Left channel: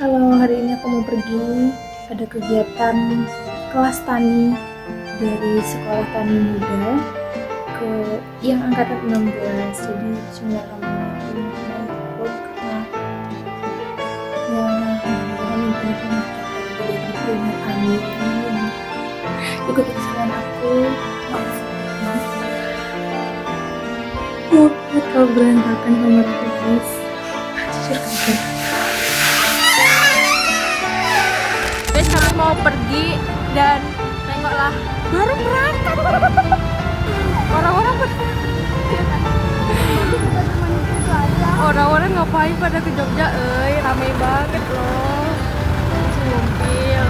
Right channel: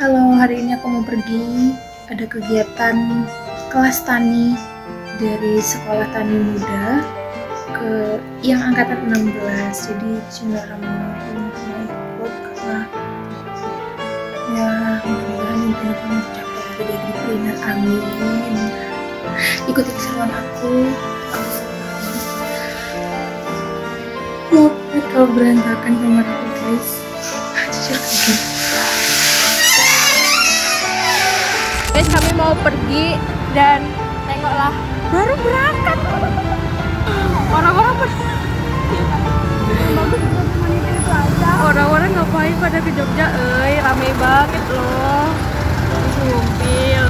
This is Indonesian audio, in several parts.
Halo, hari ini aku mau pergi. Ada kegiatan kelas tani dari Sekolah Tani Muda ke yang angkatan 16. Jadi bismillahirrahmanirrahim mau ikut karena ya mudah-mudahan impianku mencapai jadi trainer. Amin. Ikuti keseruan aku. Maaf kalau berantakan kamar aku guys. Jujur kaget. Guys, kami mau pergi dan tengoklah baru berangkat. Orang-orang ngapain pada ke Jogja? Rame banget loh. Sumpil.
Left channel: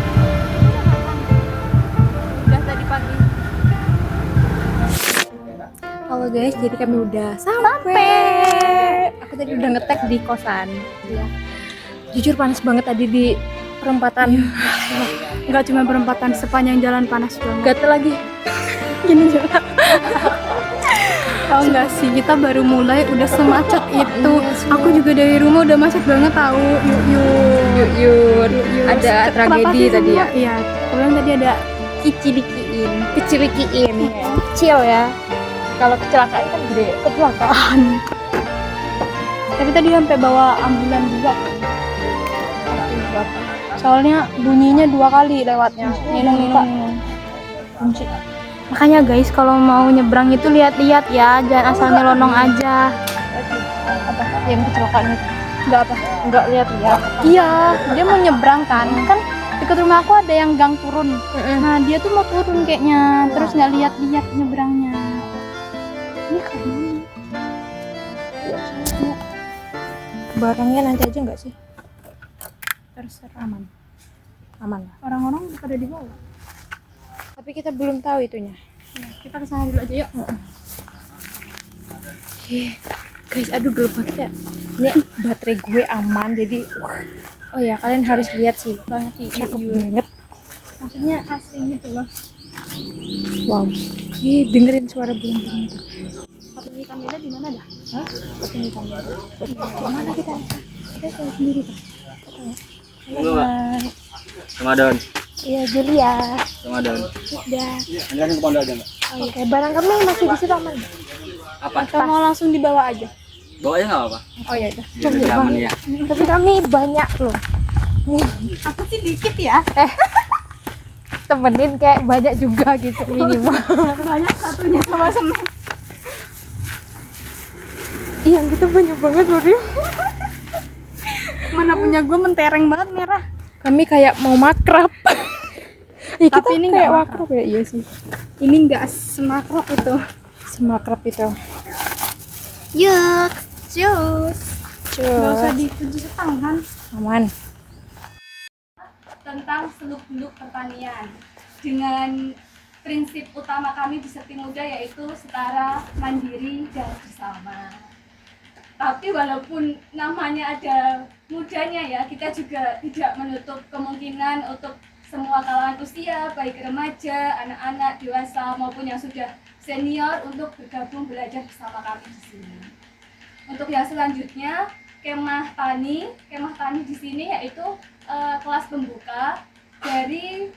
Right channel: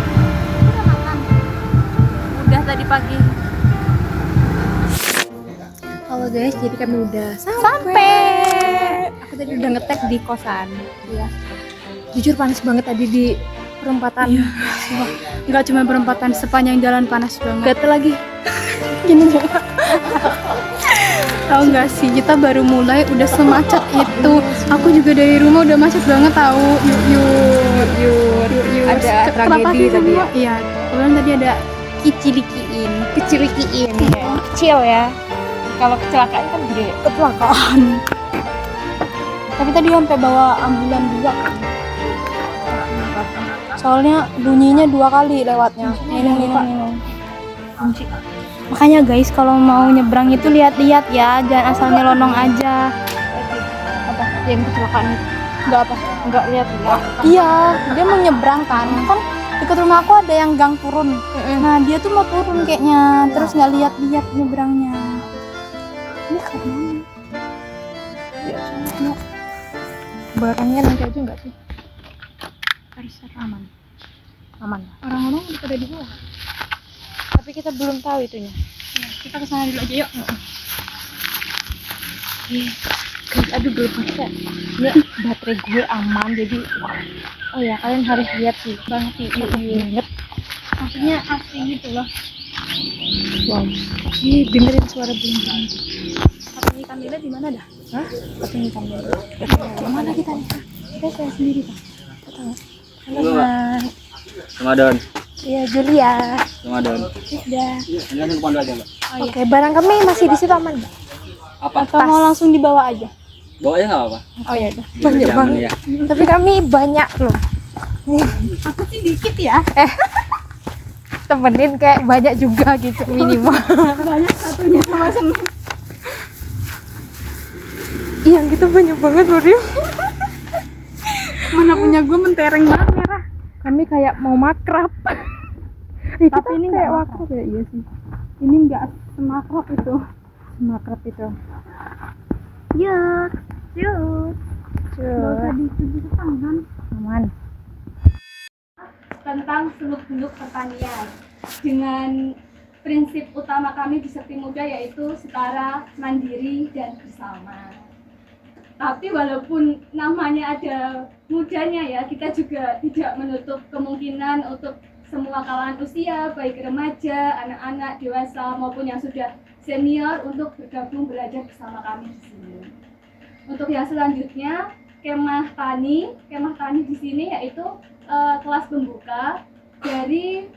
Udah tadi pagi. Halo guys, jadi kami udah sampai. Aku tadi udah ngetek di kosan. Iya. Jujur panas banget tadi di perempatan. Enggak cuma perempatan, sepanjang jalan panas banget. Gatel lagi. Gini banget. Tahu nggak sih, kita baru mulai udah semacet itu. Aku juga dari rumah udah macet banget tahu. Yuk. Ada Kenapa tragedi sih tadi semua? ya? Iya, kebetulan tadi ada kecilikiin ya. Kecil ya. Kalau kecelakaan kan gede. Kecelakaan. Tapi tadi sampai bawa ambulan juga. Soalnya bunyinya 2 kali lewatnya. Ini. Kunci. Makanya guys, kalau mau nyebrang itu lihat-lihat ya, jangan asal nyelonong aja. Apa? Yang kecelakaan itu? Enggak apa? Enggak lihat-lihat. Iya, dia mau nyebrang kan. Kan dekat rumah aku ada yang gang turun. Nah, dia tuh mau turun kayaknya, terus nggak lihat-lihat nyebrangnya. Ini karena barangnya nanti aja nggak sih? Terserah aman. Orang-orang pada di bawah. Tapi kita belum tahu itunya. Ya, kita kesana dulu aja yuk. Guys, aduh gelap banget ya. Ya, baterai gue aman jadi. Oh ya, kalian harus lihat sih. Banget sih. Banget. Maksudnya asli gitu loh. Wow. Dengerin suara burung-burung. Pakai kamera di mana dah? Hah? Pakai kamera. Mana kita nih? Kita saya sendiri kan. Halo, Mas. Ramadan. Iya, Julia. Ramadan. Udah. Ini kemana aja, Mbak? Oke, barang kami masih di situ aman. Apa? Atau mau langsung dibawa aja? Bawanya nggak apa-apa. Oh ya udah. Biar lebih aman ya. Tapi kami banyak loh. Aku sih dikit ya. Temenin kayak banyak juga gitu minimal. Banyak satunya sama semen. Iya gitu banyak banget loh dia. Mana punya gue mentereng banget merah. Kami kayak mau makrab. Ya, tapi ini nggak makrab ya, iya sih. Ini nggak semakrab itu. Semakrab itu. Yuk, cus. Nggak usah dicuci tangan. Aman. Tentang seluk-beluk pertanian dengan prinsip utama kami di Sekti Muda yaitu setara, mandiri, dan bersama. Tapi walaupun namanya ada mudanya ya, kita juga tidak menutup kemungkinan untuk semua kalangan usia, baik remaja, anak-anak, dewasa maupun yang sudah senior untuk bergabung belajar bersama kami di sini. Untuk yang selanjutnya, kemah tani di sini yaitu kelas pembuka dari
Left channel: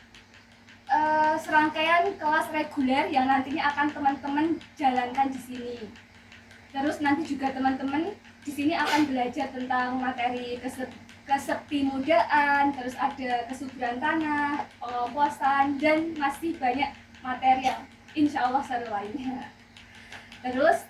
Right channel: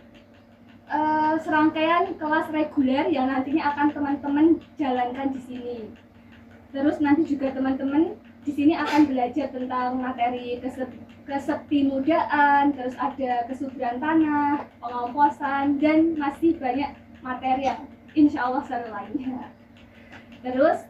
serangkaian kelas reguler yang nantinya akan teman-teman jalankan di sini. Terus nanti juga teman-teman di sini akan belajar tentang materi keseptimudaan, terus ada kesuburan tanah, pengomposan, dan masih banyak materi yang insya Allah seru lainnya. Terus,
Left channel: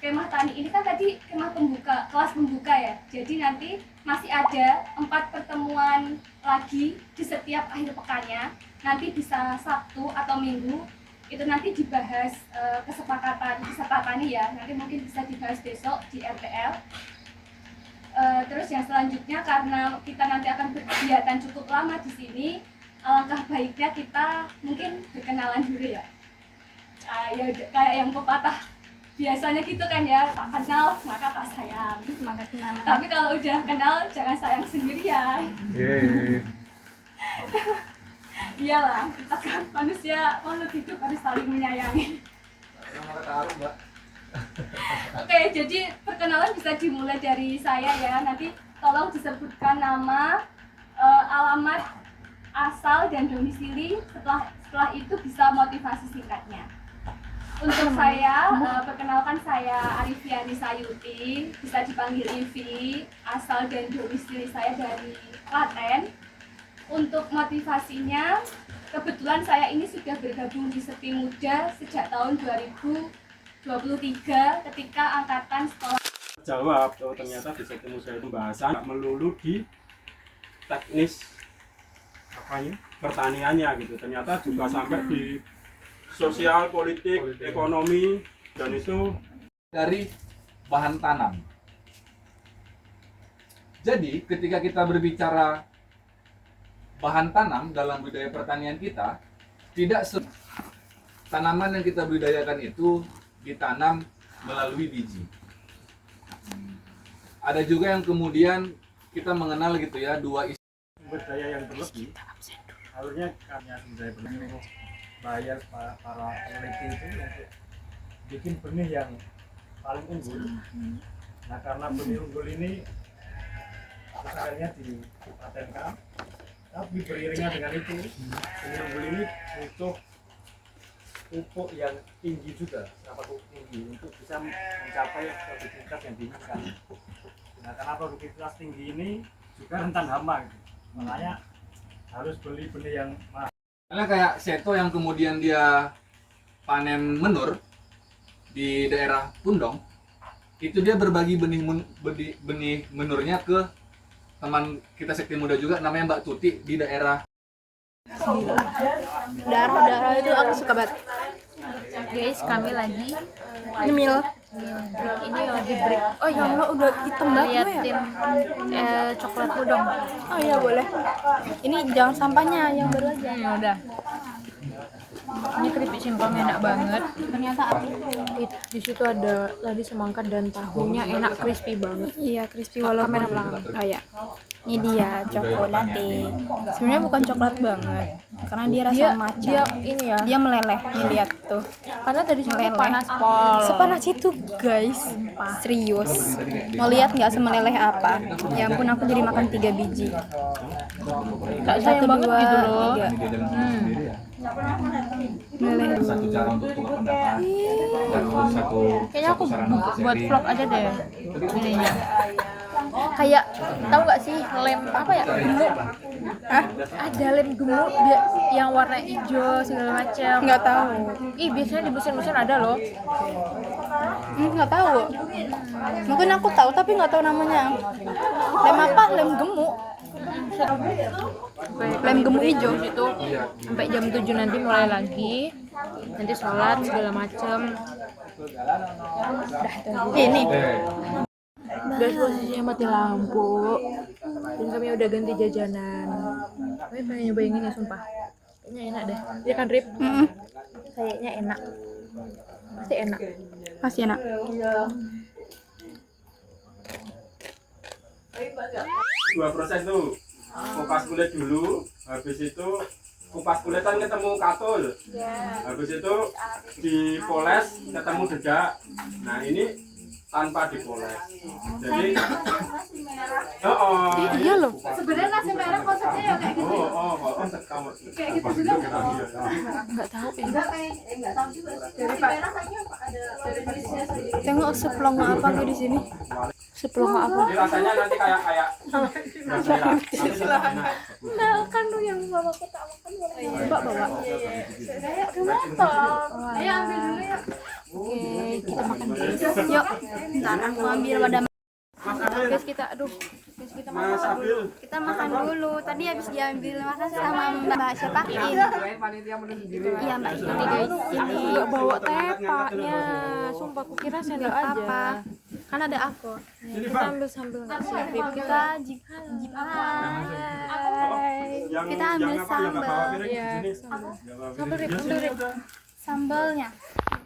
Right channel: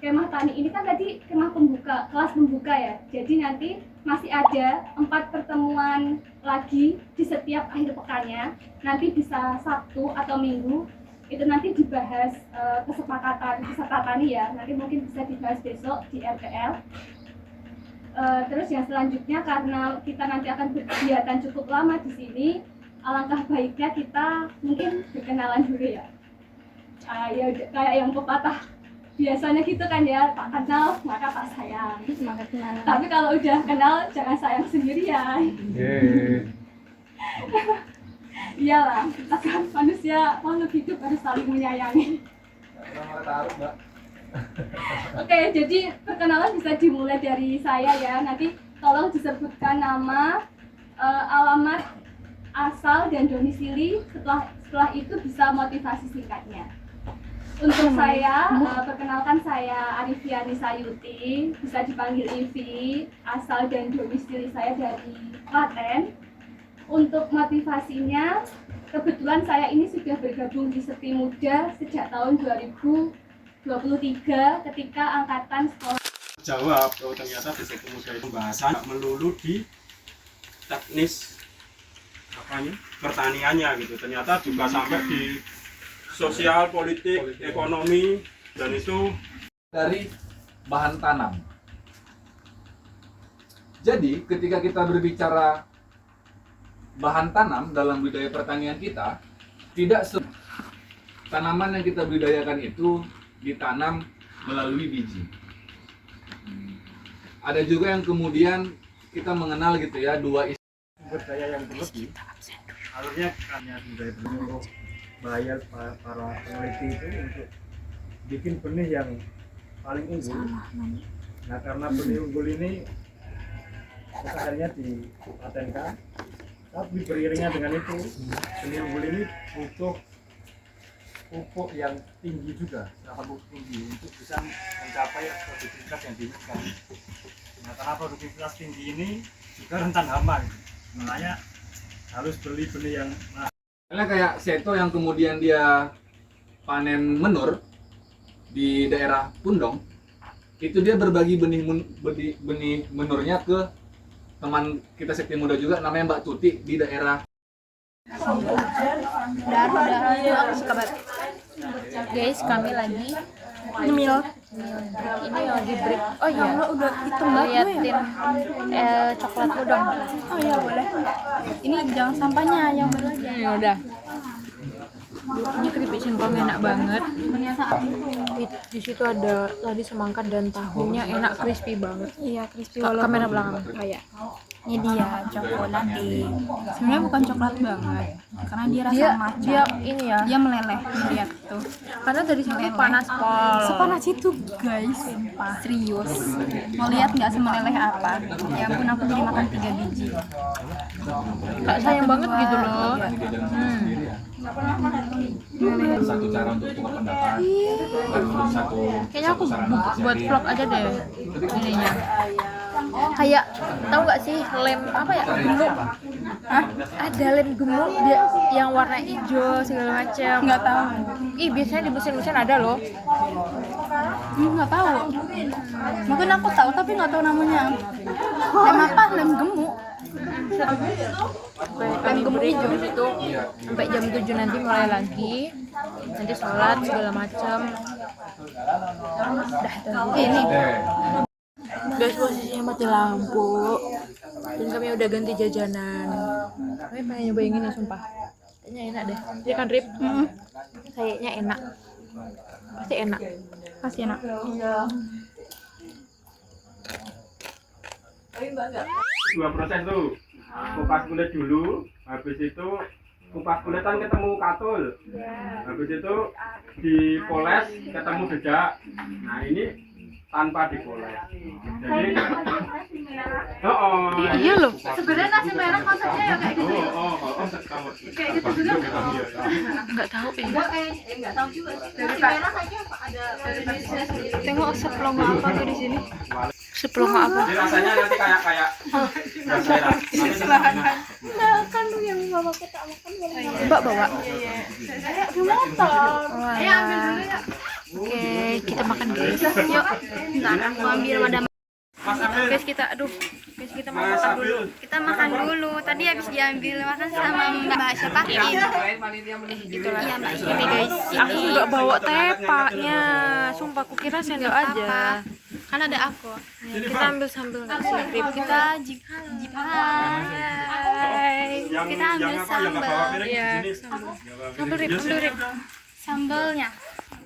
kemah tani ini kan tadi kemah pembuka, kelas pembuka ya. Jadi nanti masih ada 4 pertemuan lagi di setiap akhir pekannya. Nanti bisa Sabtu atau Minggu. Itu nanti dibahas kesepakatan peserta tani ya. Nanti mungkin bisa dibahas besok di RPL. Terus yang selanjutnya karena kita nanti akan berkegiatan cukup lama di sini, alangkah baiknya kita mungkin berkenalan dulu ya. Ya kayak yang pepatah biasanya gitu kan ya, tak kenal maka tak sayang. Semangat kenalan. Tapi kalau udah kenal jangan sayang sendirian. Iyalah, kita kan manusia makhluk hidup harus saling menyayangi. Oke, jadi perkenalan bisa dimulai dari saya ya. Nanti tolong disebutkan nama, alamat asal dan domisili. Setelah itu bisa motivasi singkatnya. Untuk saya, perkenalkan saya Arifia Risayuti, bisa dipanggil Ivi, asal dan domisili saya dari Klaten. Untuk motivasinya, kebetulan saya ini sudah bergabung di Sepi Muda sejak tahun 2023 ketika angkatan sekolah. Jawab, oh ternyata di Sepi Muda itu pembahasan melulu di teknis pertaniannya gitu, ternyata juga sampai di sosial, politik, ekonomi, dan itu dari bahan tanam. Jadi ketika kita berbicara bahan tanam dalam budidaya pertanian kita, tidak tanaman yang kita budidayakan itu ditanam melalui biji. Ada juga yang kemudian kita mengenal gitu ya, dua sumber daya yang berlebih. Alurnya hanya sumber daya berlebih, bayar para peneliti itu untuk bikin benih yang paling unggul. Nah karena benih unggul ini sebenarnya dipatenkan, tapi beriringnya dengan itu benih unggul ini butuh pupuk yang tinggi juga, pupuk tinggi untuk bisa mencapai produktivitas yang diinginkan. Nah karena produktivitas tinggi ini juga rentan hama, makanya harus beli benih yang mahal. Karena kayak Seto yang kemudian dia panen menur di daerah Pundong, itu dia berbagi benih menurnya ke teman kita Sekti Muda juga namanya Mbak Tuti di daerah. Darah itu aku suka banget. Guys, kami lagi Nyemil. ini lagi break. Oh iya, Lo udah hitam banget ya? liatin coklatku dong. Oh iya boleh. Ini jangan sampahnya yang baru aja. Ya udah. Ini keripik singkong enak banget. Di situ ada tadi semangka dan tahunya enak, crispy banget. Iya, crispy walaupun Kamera belakang. kayak ini dia coklat. Sebenarnya bukan coklat banget, karena dia rasa matcha. Dia ini ya. Dia meleleh, lihat tuh. Karena dari sana Meleleh. panas pol. Sepanas itu guys, serius. Mau lihat nggak semeleleh apa? Ya ampun, aku jadi makan 3 biji. Kak sayang Satu, banget dua, gitu loh. tiga. Ini dia dalam sendiri ya. Satu cara untuk tukar pendapat dan untuk satu Kayaknya aku sarana untuk buat sharing. vlog aja deh ininya. Kayak tahu nggak sih lem apa ya, gemuk? Hah? Ada lem gemuk dia yang warna hijau segala macam. Nggak tahu. Ih biasanya di mesin-mesin ada loh. Nggak tahu. Mungkin aku tahu tapi nggak tahu namanya. Lem apa? Lem gemuk. Kayak kami break di situ sampai jam 7 nanti mulai lagi. Nanti sholat segala macam. Ini. Guys, posisinya mati lampu dan kami udah ganti jajanan. Kami pengen nyobain ini sumpah. Kayaknya enak deh. Iya kan Rip? Kayaknya enak. Pasti enak. Pasti enak. Dua proses tuh, kupas kulit dulu, habis itu kupas kulit kan ketemu katul, habis itu dipoles ketemu dedak. Nah ini tanpa dipoles, jadi Iya loh. Sebenarnya nasi merah konsepnya ya kayak gitu ya. Kayak gitu juga Nggak tahu ya. enggak tahu juga sih. Nasi merah kayaknya ada dari Indonesia sendiri. Tengok seplong apa tuh di sini. Seplong apa? Jadi rasanya nanti kayak nasi merah, tapi tetap enak. Kan lu yang bawa kita makan boleh. Coba bawa. Ayo ambil dulu ya. Oke, kita makan guys. Yuk. Ntar aku ambil wadah. Guys kita mau makan dulu. Kita makan dulu. Tadi habis diambil makan sama Mbak siapa? Itulah. Ini guys. Aku nggak bawa tepaknya. Sumpah aku kira sendok aja. Kan ada aku. Kita ambil sambil nggak sih Rip? Kita jipan. Hai. Kita Yang ambil apa yang nggak bawa piring Iya, di sini? Sambil Rip, ambil Rip. Sambalnya.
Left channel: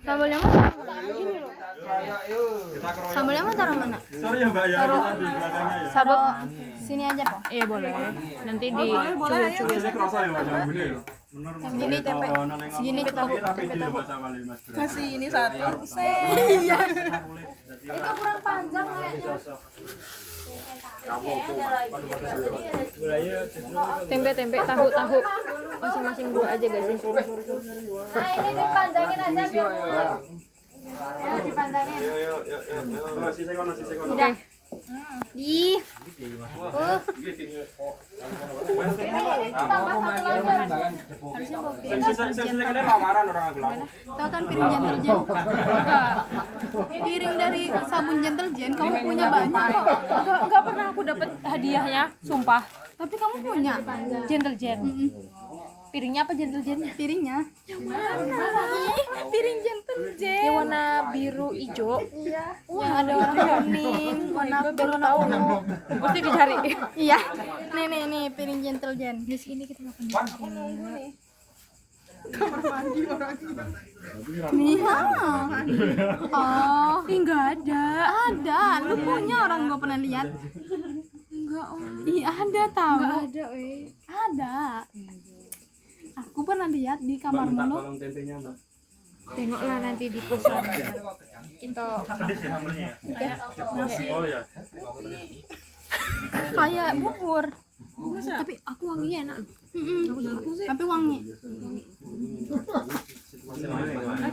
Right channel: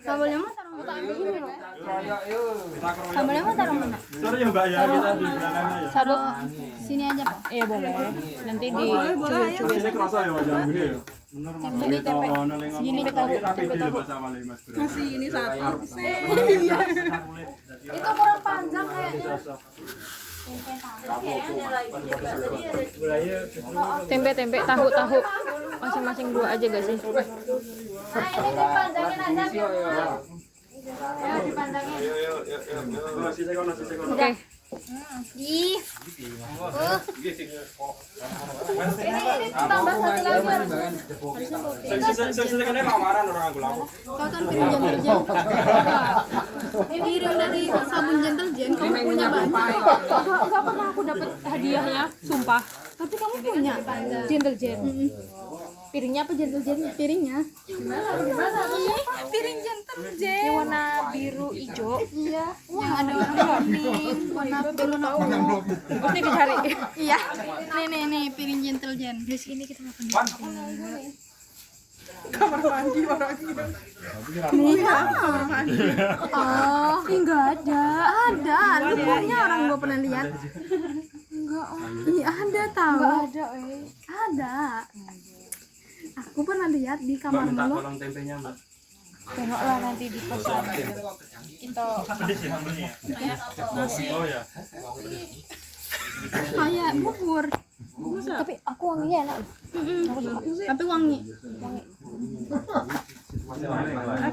Sambalnya mah ini loh. Kita keroyok. Sambalnya mah taruh mana? Sorry ya Mbak ya, kita di belakangnya ya. Sabuk. Sini aja. Iya boleh. Nanti dicuil-cuil. Ini kerasa ya Mbak Jambu ya. Menur Ini tempe. Segini tahu. tempe tahu. Masih ini satu. Itu Itu kurang panjang kayaknya. Tempe, tahu. Masing-masing 2 aja gak sih? Ini dipandangin aja biar murah. Ya, dipandangin. Oke. Ih. Tambah satu lagi. Tahu kan piring Gentle Gen? Piring dari sabun Gentle Gen kamu punya banyak. Enggak pernah aku dapat hadiahnya, sumpah. Tapi kamu punya Gentle Gen. Piringnya apa Gentle Gen-nya? piringnya. Piring Gentle Gen. Yang warna biru hijau. Iya. Yang ada warna kuning, warna Baru tahu. Pasti dicari. Iya. Nih piring Gentle Gen. Di sini kita makan. Nih. Oh, enggak ada. Ada. Lu punya orang gua pernah lihat. Enggak. Iya, ada tahu. Enggak ada, Ada. Aku pernah lihat di kamar lu. tempenya, Mbak. Tengoklah nanti di pesan. Kita Pedes ya sambelnya. Oh ya. Kayak bubur. tapi aku wanginya enak. Aku suka. Tapi wangi.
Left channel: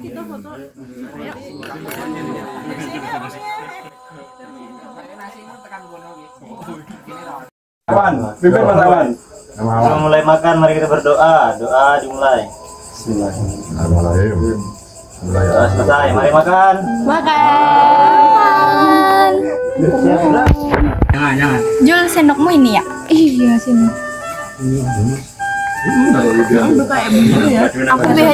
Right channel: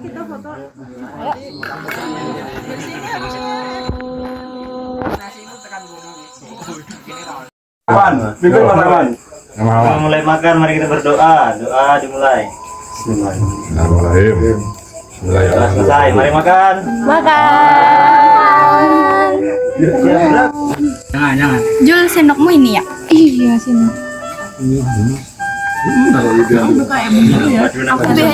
Kita foto. Ayo. Kawan, kawan. Sebelum mulai makan, mari kita berdoa. Doa dimulai. Bismillahirrahmanirrahim. Doa selesai, mari makan. Makan. Jangan. Jual sendokmu ini ya? Iya, sini.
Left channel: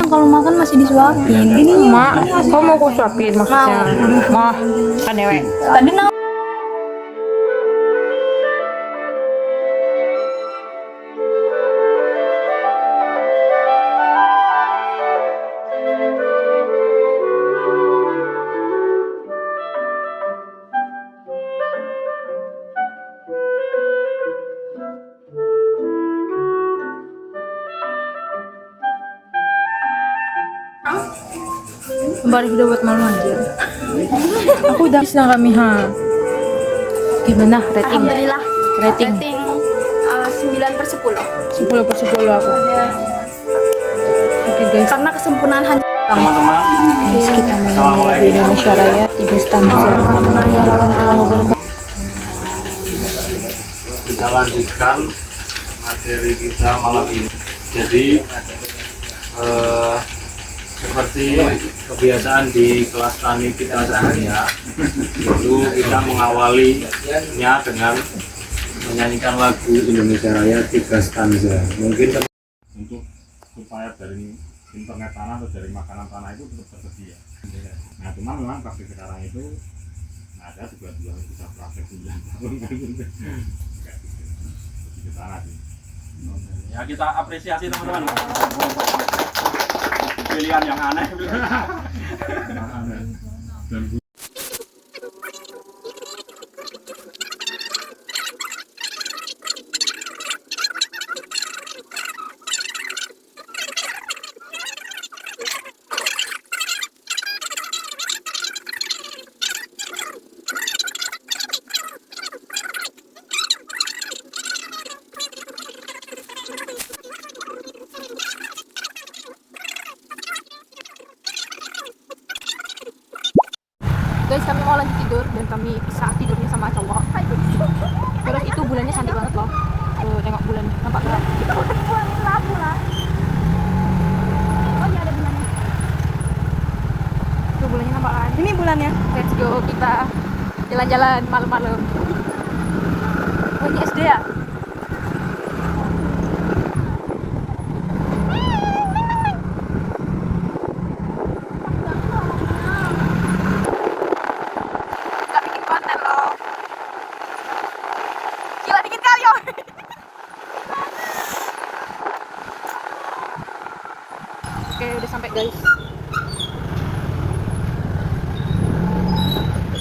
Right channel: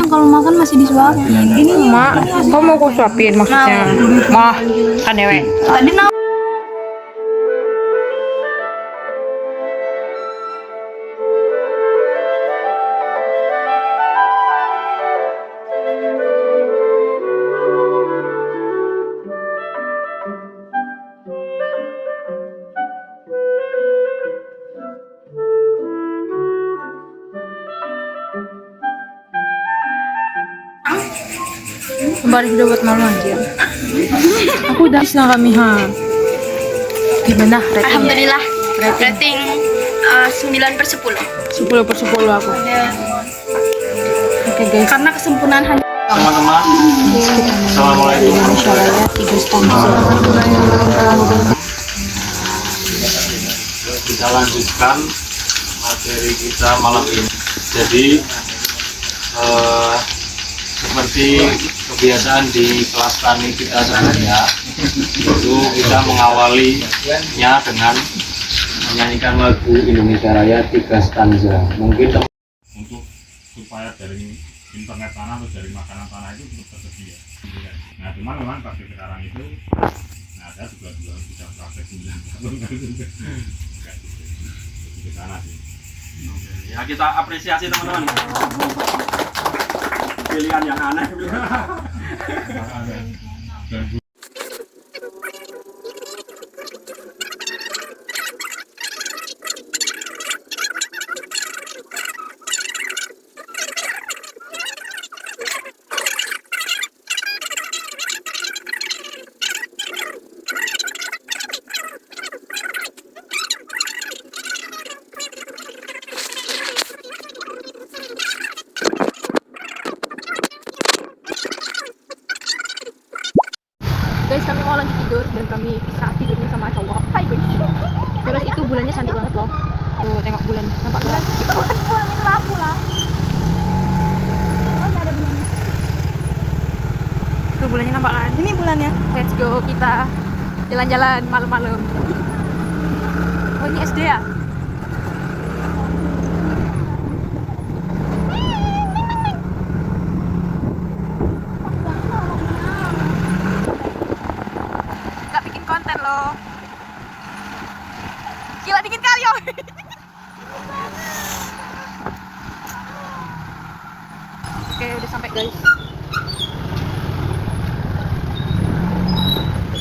Kalau makan masih disuapin. Ini Mak, kamu mau aku suapin maksudnya? Mah, kan dewe. tadi Kembali udah buat malu anjir. Aku udah senang kami Gimana rating? Alhamdulillah. Rating 9/10. 10/10 aku. Oke guys. Karena kesempurnaan hanya Teman-teman, Kita mau Assalamualaikum. di Indonesia Raya 3 stanza. Kita lanjutkan materi kita malam ini. Jadi seperti kebiasaan di kelas tani kita sebelumnya, itu kita mengawalinya dengan menyanyikan lagu Indonesia Raya 3 stanza. Mungkin Untuk supaya dari internet tanah atau dari makanan tanah itu tetap tersedia. Nah, cuman memang praktik sekarang itu, nah saya juga sudah praktek 9 tahun kan itu. Kayak gitu. Jadi ke sana sih. Ya kita apresiasi teman-teman. Pilihan yang aneh. Dan Guys, kami mau lanjut tidur dan kami saat tidurnya sama cowok. Terus itu bulannya cantik banget loh. Tuh, tengok bulan. Nampak gak? Tuh bulannya nampak kan? ini bulannya. Let's go, kita jalan-jalan malam-malam. Oh, ini SD ya? Gak bikin konten loh. Gila dikit kali ya. Oke, udah sampai guys.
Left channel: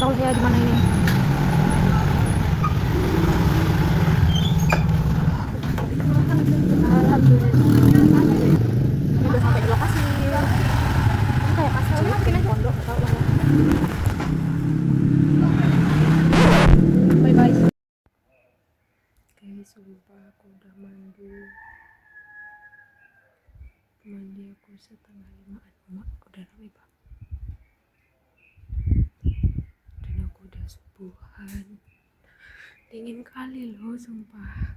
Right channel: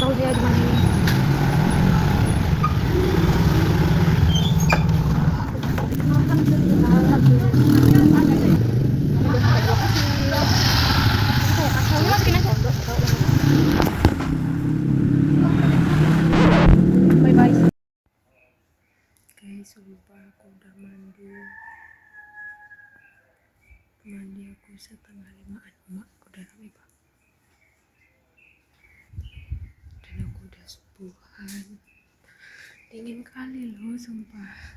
Tahu saya di mana ini. Guys, sumpah aku udah mandi aku setengah 5-an. Mak udah rame pak, dan aku udah subuhan. Dingin kali loh sumpah,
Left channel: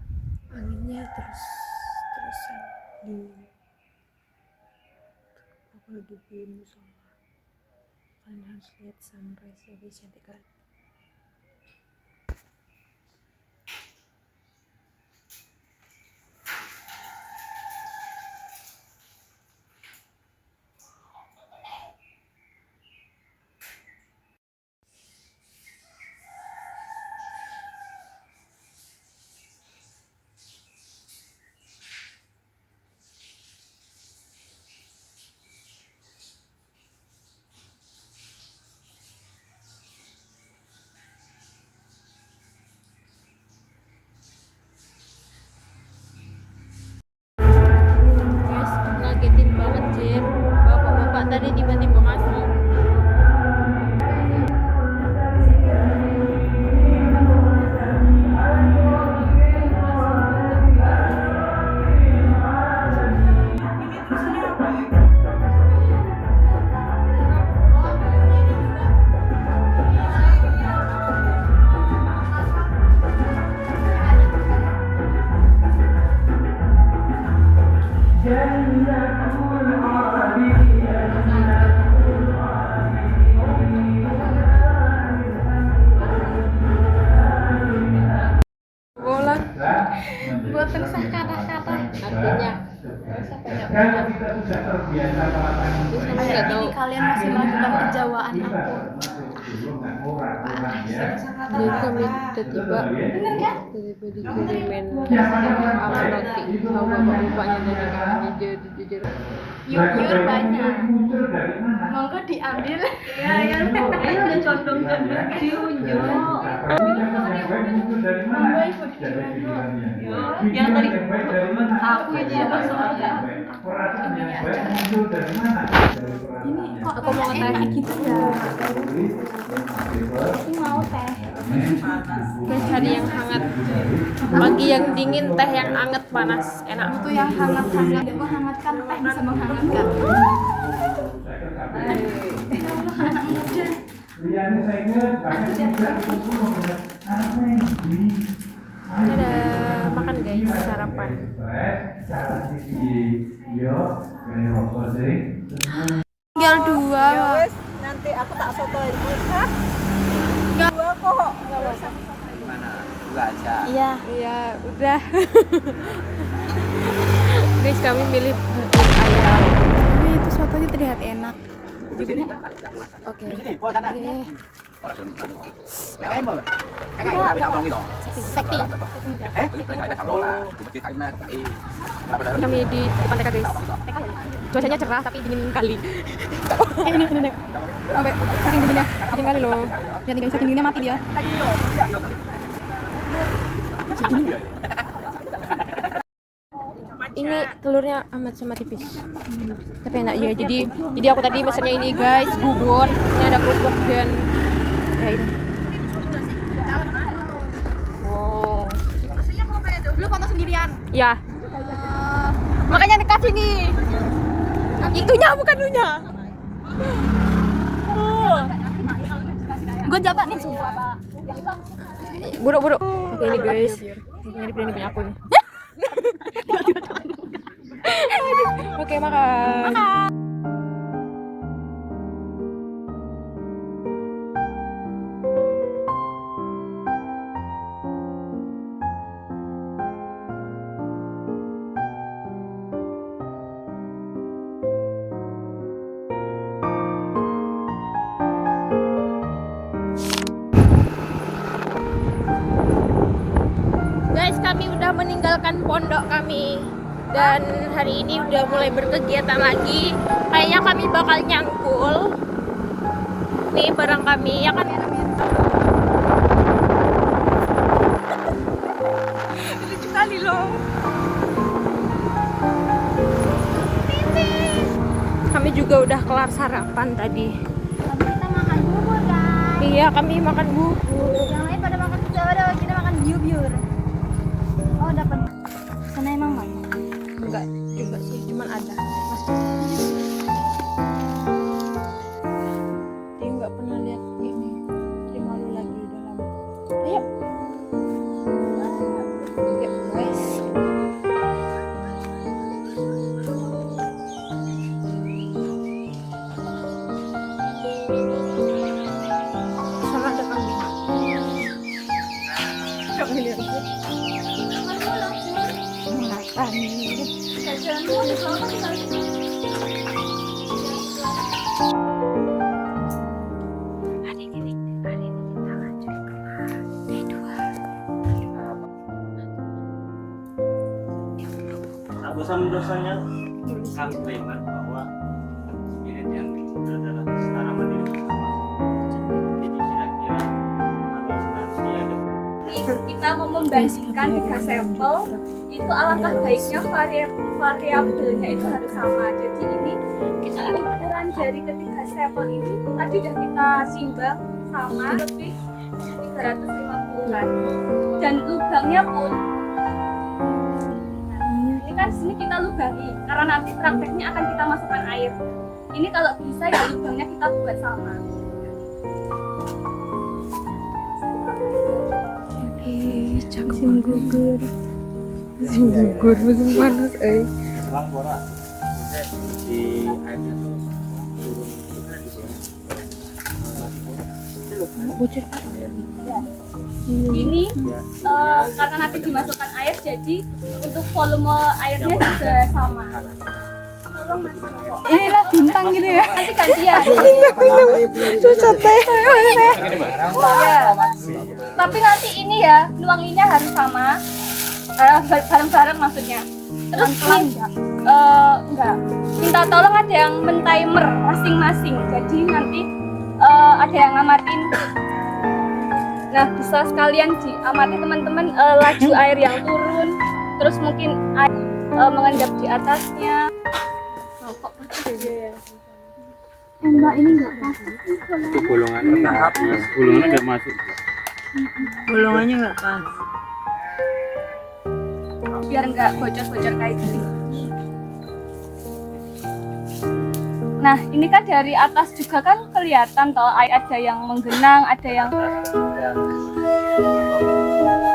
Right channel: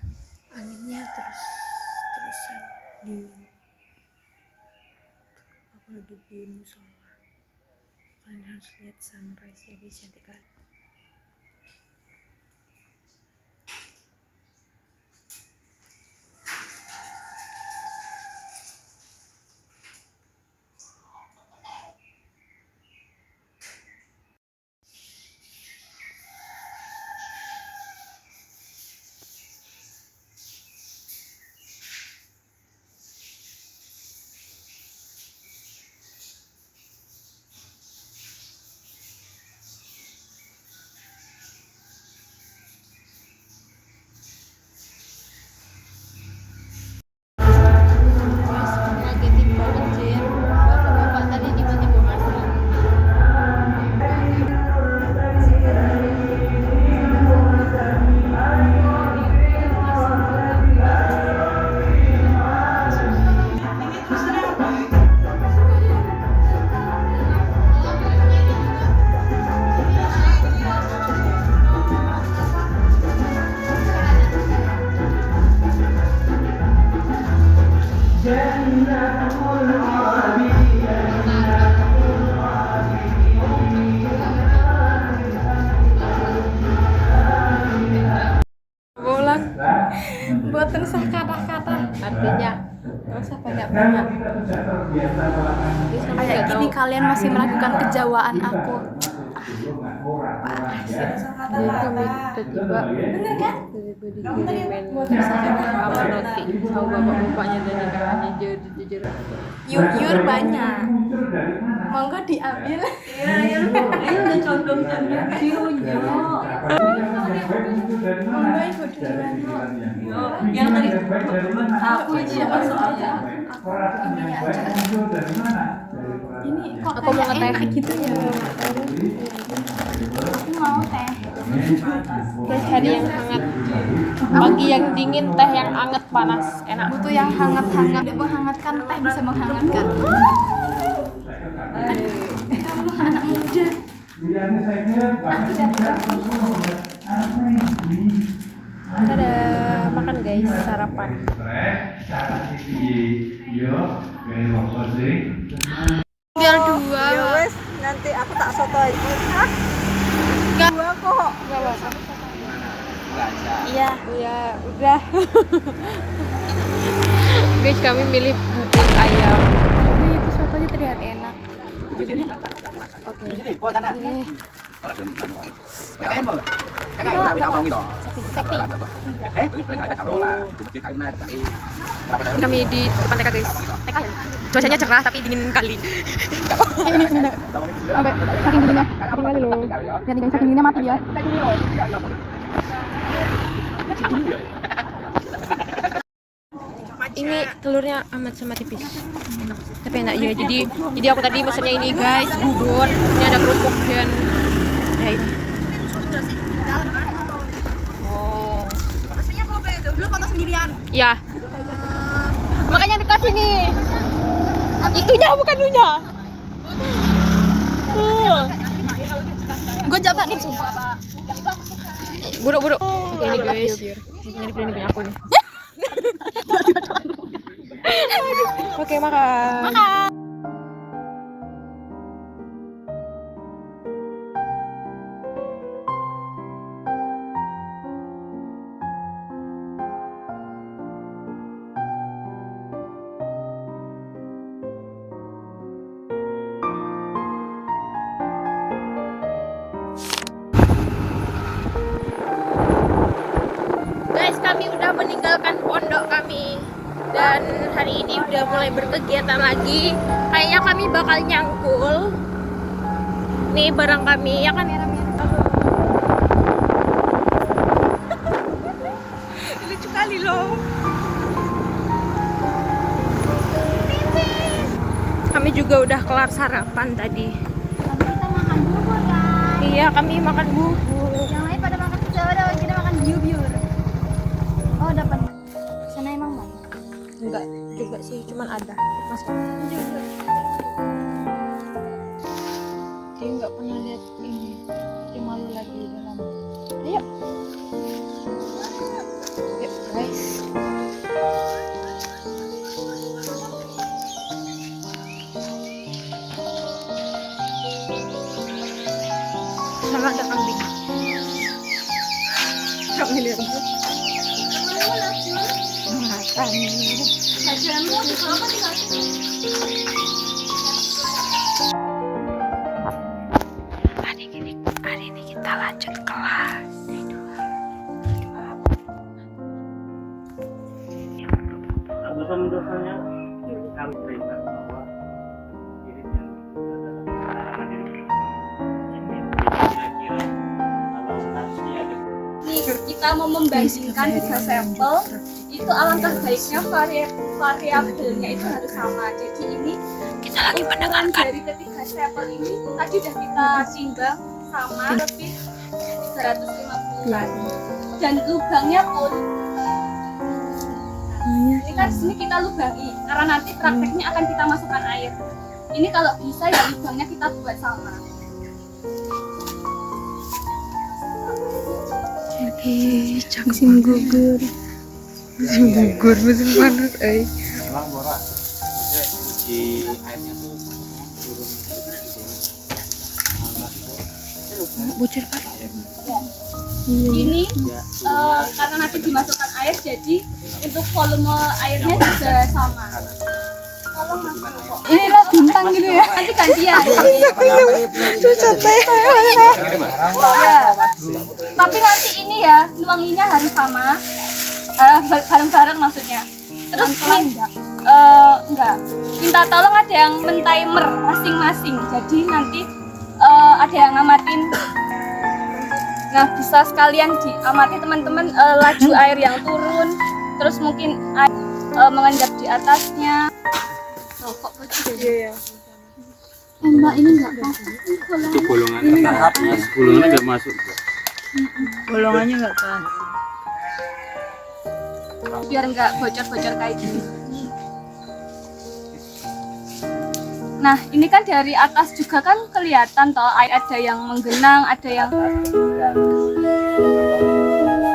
anginnya terusan dingin. Aku lagi di musola, kalian harus lihat sunrise ya guys, cantik kali. Ngagetin banget sih, bapak-bapak tadi tiba-tiba masuk. Bolang Buat tersah kata-kata. artinya nggak usah banyak-banyak. Terus kamu nggak tahu, Ini kalian masih melakukan kejawaan aku. jadi kami tiba-tiba dikirimin roti sama bapak-bapaknya dari kan jujur. Yur banyak. Monggo diambil. Ini udah condong-condong diunjuk. Monggo ibu diambil. Yang tadi aku siapa soalnya? Ini kok Aku mau ngeteh gitu ya. Aku mau teh. guys, hari yang hangat, pagi yang dingin, teh yang anget panas enak. Itu yang hangat-hangat. Menghangatkan teh bisa menghangatkan. Anak muda. Dadah, makan guys, sarapan. Tinggal dua. Nanti aku tak soto ini. Enggak. Dua kok. Enggak apa-apa. Iya. Iya, udah. Guys, kami milih bubur ayam. Tapi itu sotonya terlihat enak. Oke. Kami di depan TK guys. Cuacanya cerah tapi dingin kali. Ini dek. Sampai saking dinginnya. Dingin kali loh. Lihat nih guys, saking dinginnya mati dia. Ini telurnya amat sama tipis. Tapi enak ya. Jadi aku tadi pesennya ini guys, bubur. Ini ada kerupuk dan ya ini. Wow. Lu foto sendirian. Ya. Makanya dikasih nih. Itunya bukan lunya. Gue jaga nih sumpah. Buruk-buruk. Oke ini guys. Ini punya aku nih. Oke, makan. Guys, kami udah meninggalkan pondok kami dan hari ini udah mulai berkegiatan lagi. Kayaknya kami bakal nyangkul nih barang kami, ya kan? Lucu kali loh. Kami juga udah kelar sarapan tadi. Tapi kita makan bubur kan. Iya, kami makan bubur. Yang lain pada makan soto, kita makan biur-biur. enggak juga sih, cuman ada mas. Dia nggak pernah lihat ini, dia malu lagi di dalam. Ayo yuk guys. Sana ada kambing. Kambing itu makan. Hari ini kita lanjut kelas D2. Dosa-dosanya kami terima bahwa spirit yang adalah sekarang mandiri kira-kira kalau nanti ada Nih, kita mau membandingkan 3 sampel, itu alangkah baiknya variabelnya itu harus sama. Jadi ini Kita lagi ukuran dari ketiga sampel ini tadi udah kita timbang sama lebih 350-an. Dan lubangnya pun ini kan di sini kita lubangi karena nanti prakteknya akan kita masukkan air. Ini kalau bisa ya lubangnya kita buat sama. musim gugur. Musim gugur, musim panas, Selang borak. di airnya tuh turun bocor pak. Ini karena nanti dimasukkan air, jadi untuk volume airnya juga sama. Tolong mas Joko. Inilah bintang gitu ya. Nanti gantian. Tapi nanti ini ya nuanginya harus sama, bareng-bareng maksudnya. Terus enggak. Minta tolong ada yang men-timer masing-masing. Jadi nanti ada yang ngamatin. Nah, bisa sekalian diamati teman-teman laju air yang turun, terus mungkin mengendap di atasnya. Oh, kok bocor ya? Mbak ini nggak pasang. Itu bolongannya nggak masuk. Bolongannya nggak pas. Biar nggak bocor-bocor kayak gini. Nah, ini kan dari atas juga kan kelihatan toh, air ada yang menggenang, ada yang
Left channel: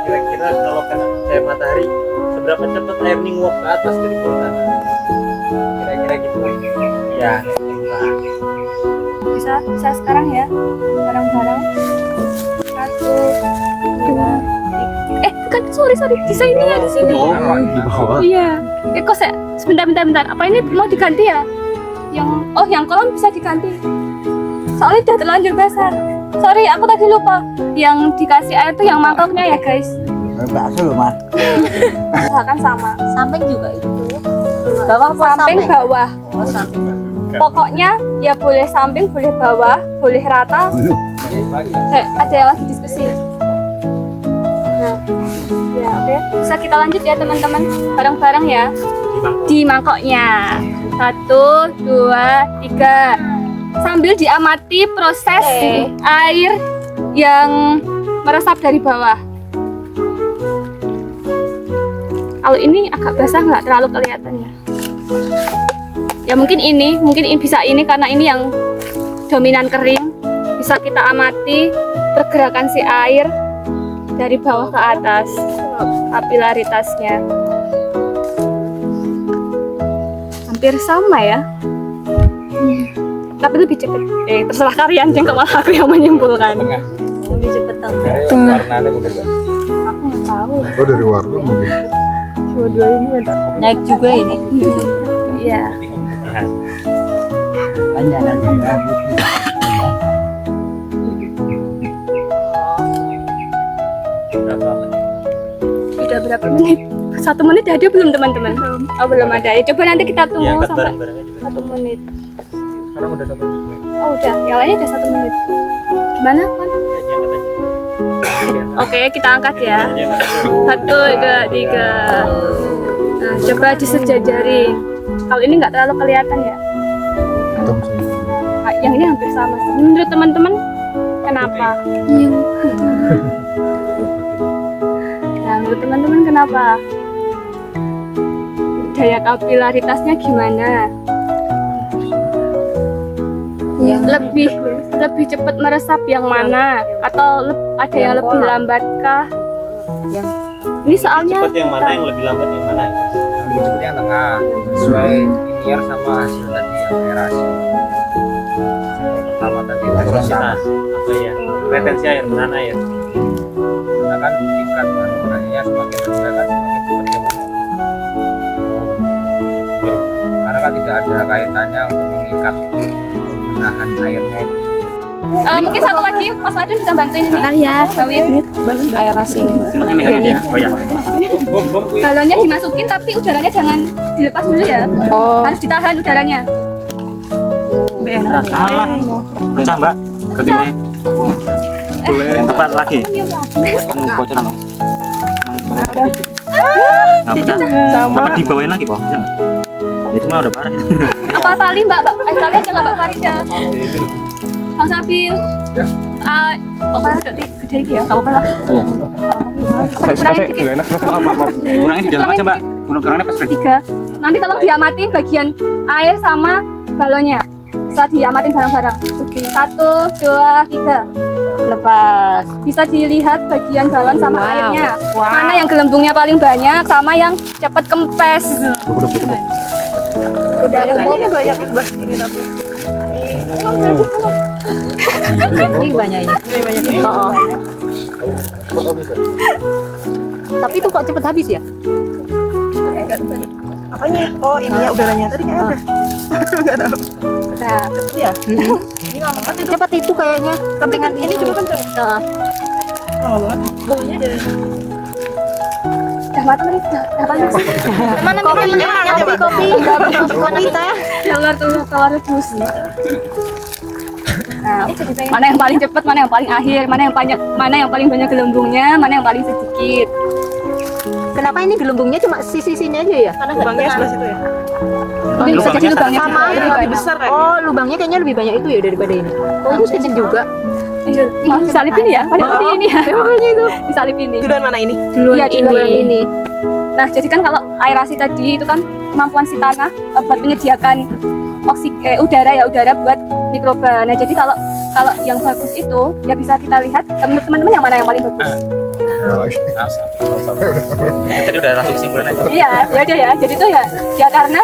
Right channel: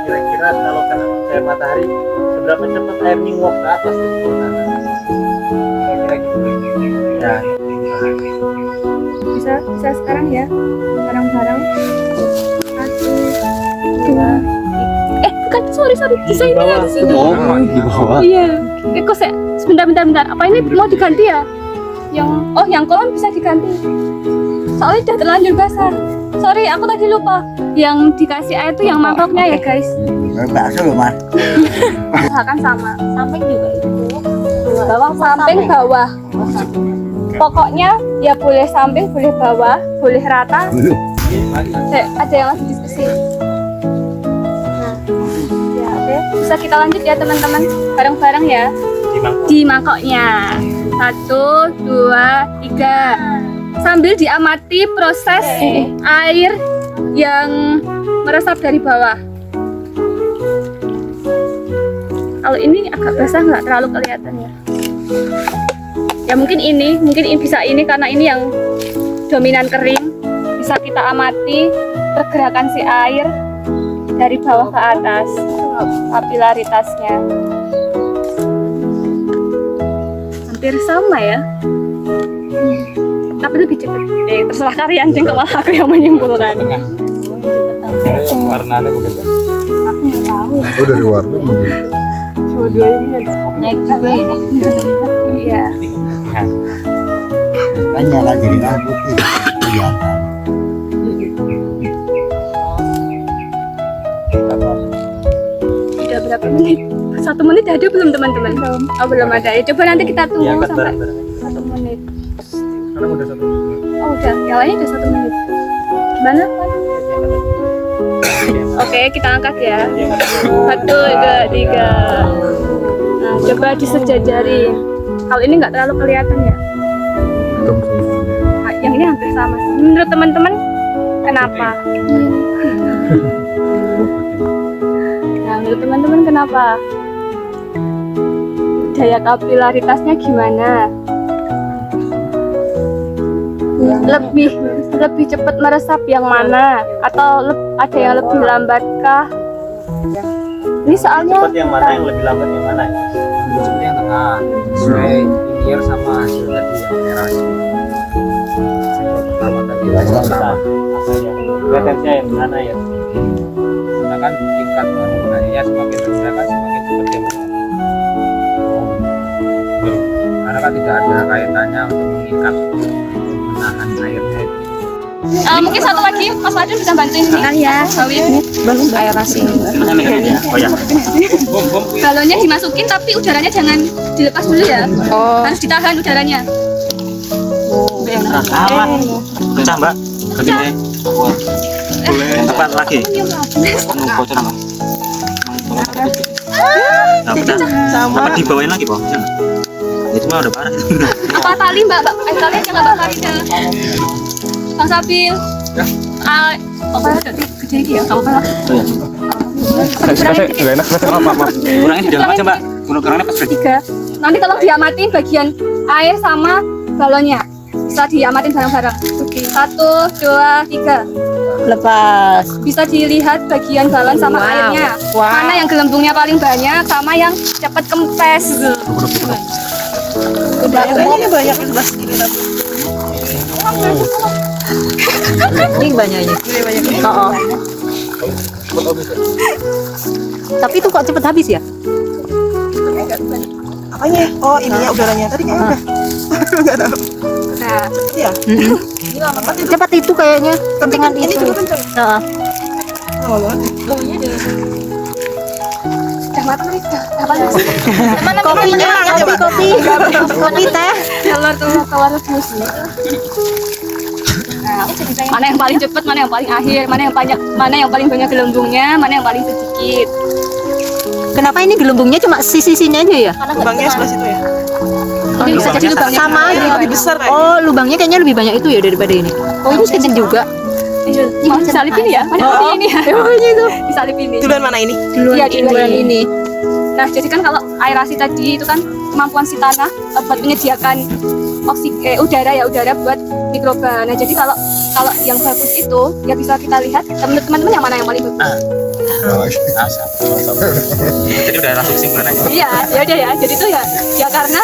kira-kira kalau kena cahaya matahari seberapa cepat air ini nguap ke atas dari kota kira-kira gitu ya. bisa sekarang ya, bareng-bareng. 1, 2, 3. Bukan, sorry, desainnya di sini. Di bawah. Iya. Kok sebentar. Apa ini mau diganti ya? Yang kolam bisa diganti. Soalnya udah terlanjur basah. Sorry, aku tadi lupa. Yang dikasih air tuh yang mangkoknya ya, guys. Bakso loh mas. Kan sama. Samping juga itu. Bawah samping bawah. Pokoknya ya boleh samping, boleh bawah, boleh rata. Ada yang lagi diskusi. Nah, ya oke. Bisa kita lanjut ya teman-teman, bareng-bareng ya. Di mangkoknya. 1, 2, 3. Sambil diamati proses air yang meresap dari bawah. Kalau ini agak basah nggak terlalu kelihatan ya. Ya mungkin ini bisa ini karena ini yang dominan kering. Bisa kita amati pergerakan si air dari bawah ke atas, kapilaritasnya. Hampir sama ya. Tapi lebih cepat. Terserah kalian, jangan malah aku yang menyimpulkan. Warnanya berbeda. Aku nggak tahu. Oh dari warna mungkin. Naik juga ini. Iya. Banyak lah jadi rambut. Udah berapa menit? 1 menit ada belum teman-teman? Belum. Oh belum ada. Ya coba nanti kita tunggu sampai 1 menit. Sekarang udah 1 menit. Oh udah, yang lainnya udah 1 menit. Gimana kan? Oke, kita angkat ya. 1, 2, 3. Nah, coba disejajarin. Kalau ini nggak terlalu kelihatan ya. Hitam sih. Nah, yang ini hampir sama. Menurut teman-teman, kenapa? Nah, menurut teman-teman kenapa? daya kapilaritasnya gimana? Lebih cepat meresap yang mana? Atau ada yang lebih lambat kah? Ini soalnya cepat yang mana, yang lebih lambat yang mana? yang tengah sesuai linear sama hasil tadi yang aerasi. Pertama tadi Velocitas apa ya? Retensinya yang mana ya? menggunakan tingkat maneuvernya semakin rendah kan semakin cepat dia karena kan tidak ada kaitannya untuk mengikat menahan airnya itu. mungkin satu lagi Mas Madun bisa bantuin ini. Ya, Aerasi. Oh ya. Galonnya dimasukin tapi udaranya jangan dilepas dulu ya. Harus ditahan udaranya. Salah. Bisa Mbak. Begini. Yang tepat lagi. Nah, udah. Dapat dibawain lagi, Bang. Jangan. Itu mah udah parah. Apa tali Mbak? Tali aja nggak Mbak Farida. Bang Sabil. Apa gede ini ya? Apa lah? Kurangnya di dalam aja, Mbak. Kurangnya pas Tiga. Nanti tolong diamatin bagian air sama balonnya. Setelah diamatin bareng-bareng. Oke. 1, 2, 3. Lepas. Bisa dilihat bagian galon sama airnya. Mana yang gelembungnya paling banyak sama yang cepat kempes. Udah Ini banyak gelas ini tapi. Ini banyaknya. Tapi itu kok cepet habis ya? Apanya? Oh ini ya udaranya tadi kayaknya udah. Nah, Ya. Cepat itu kayaknya kepentingan ini juga kencang. udah matang nih. Apa sih? Kopi teh. Telur rebus. Mana yang paling cepat, mana yang paling akhir, mana yang paling banyak gelembungnya, mana yang paling sedikit. Kenapa ini gelembungnya cuma sisi-sisinya aja ya? Karena nggak sebelah situ ya. Ini bisa jadi lubangnya Sama gede. lebih besar kan? Oh, lubangnya kayaknya lebih banyak itu ya daripada ini. Oh, ini kecil juga. Mau disalipin ya? Padahal ini ya. Makanya itu disalipin ini. Duluan mana ini? Iya, Duluan ini. Nah, jadi kan kalau aerasi tadi itu kan kemampuan si tanah buat menyediakan udara buat mikroba. Nah, jadi kalau yang bagus itu ya bisa kita lihat teman-teman yang mana yang paling bagus. Jadi udah langsung kesimpulan aja. Iya, ya udah ya. Jadi itu ya karena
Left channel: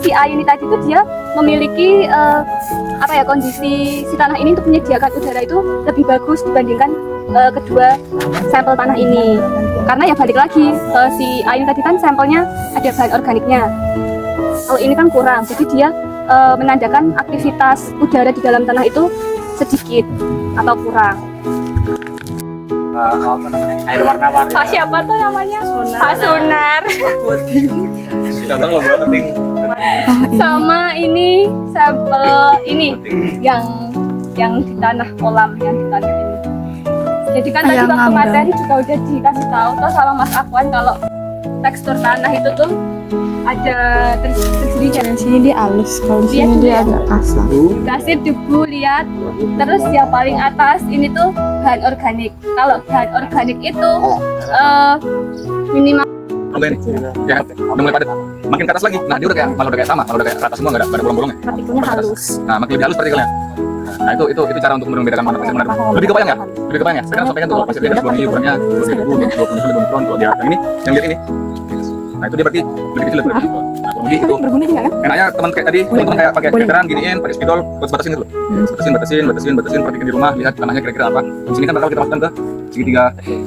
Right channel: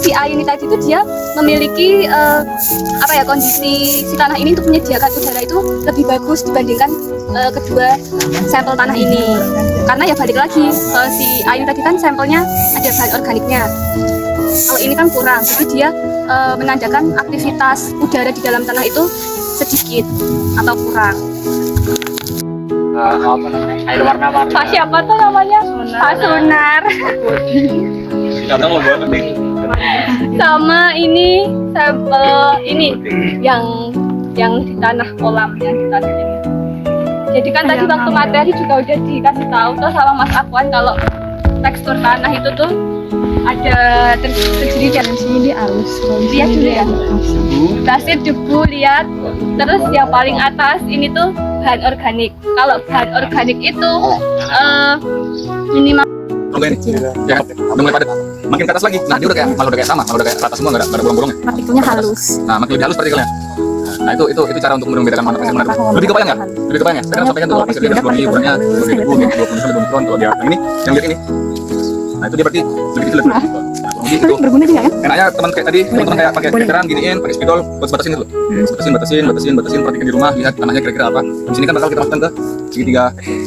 si air ini tadi itu dia memiliki kondisi si tanah ini untuk menyediakan udara itu lebih bagus dibandingkan kedua sampel tanah ini. Karena ya balik lagi si air tadi kan sampelnya ada bahan organiknya. Kalau ini kan kurang, jadi dia menandakan aktivitas udara di dalam tanah itu sedikit atau kurang. Air warna-warni. Pak siapa tuh namanya? Pak Sunar. Kita tahu buat penting. Sama ini sampel ini yang di tanah kolam yang di tanah ini. Jadi kan tadi waktu materi juga udah dikasih tahu tuh sama Mas Akwan kalau tekstur tanah itu tuh ada terdiri dari sini dia halus, kalau di sini dia agak kasar. Pasir, debu, liat. Terus yang paling atas ini tuh bahan organik. Kalau bahan organik itu minimal Ini, ya kan? Udah mulai padat. Makin ke atas lagi. Nah, dia udah kayak sama, malah udah kayak rata semua, nggak ada bolong-bolongnya. Partikelnya halus. Nah, makin lebih halus partikelnya. Nah, itu cara untuk membedakan mana pasir mana debu. Lebih kebayang ya? Lebih kebayang ya? Saya kan sampaikan tuh kalau pasir di atas 2 mili ukurannya 2 debu, 20 sampai 20 mikron. Kalau dia yang ini, yang lihat ini. Nah, itu dia berarti lebih kecil lebih. Jadi itu enaknya teman-teman kayak pakai keteran giniin, pakai spidol buat batasin gitu loh. Batasin, perhatikan di rumah, lihat tanahnya kira-kira apa. Di sini kan bakal kita masukkan ke segitiga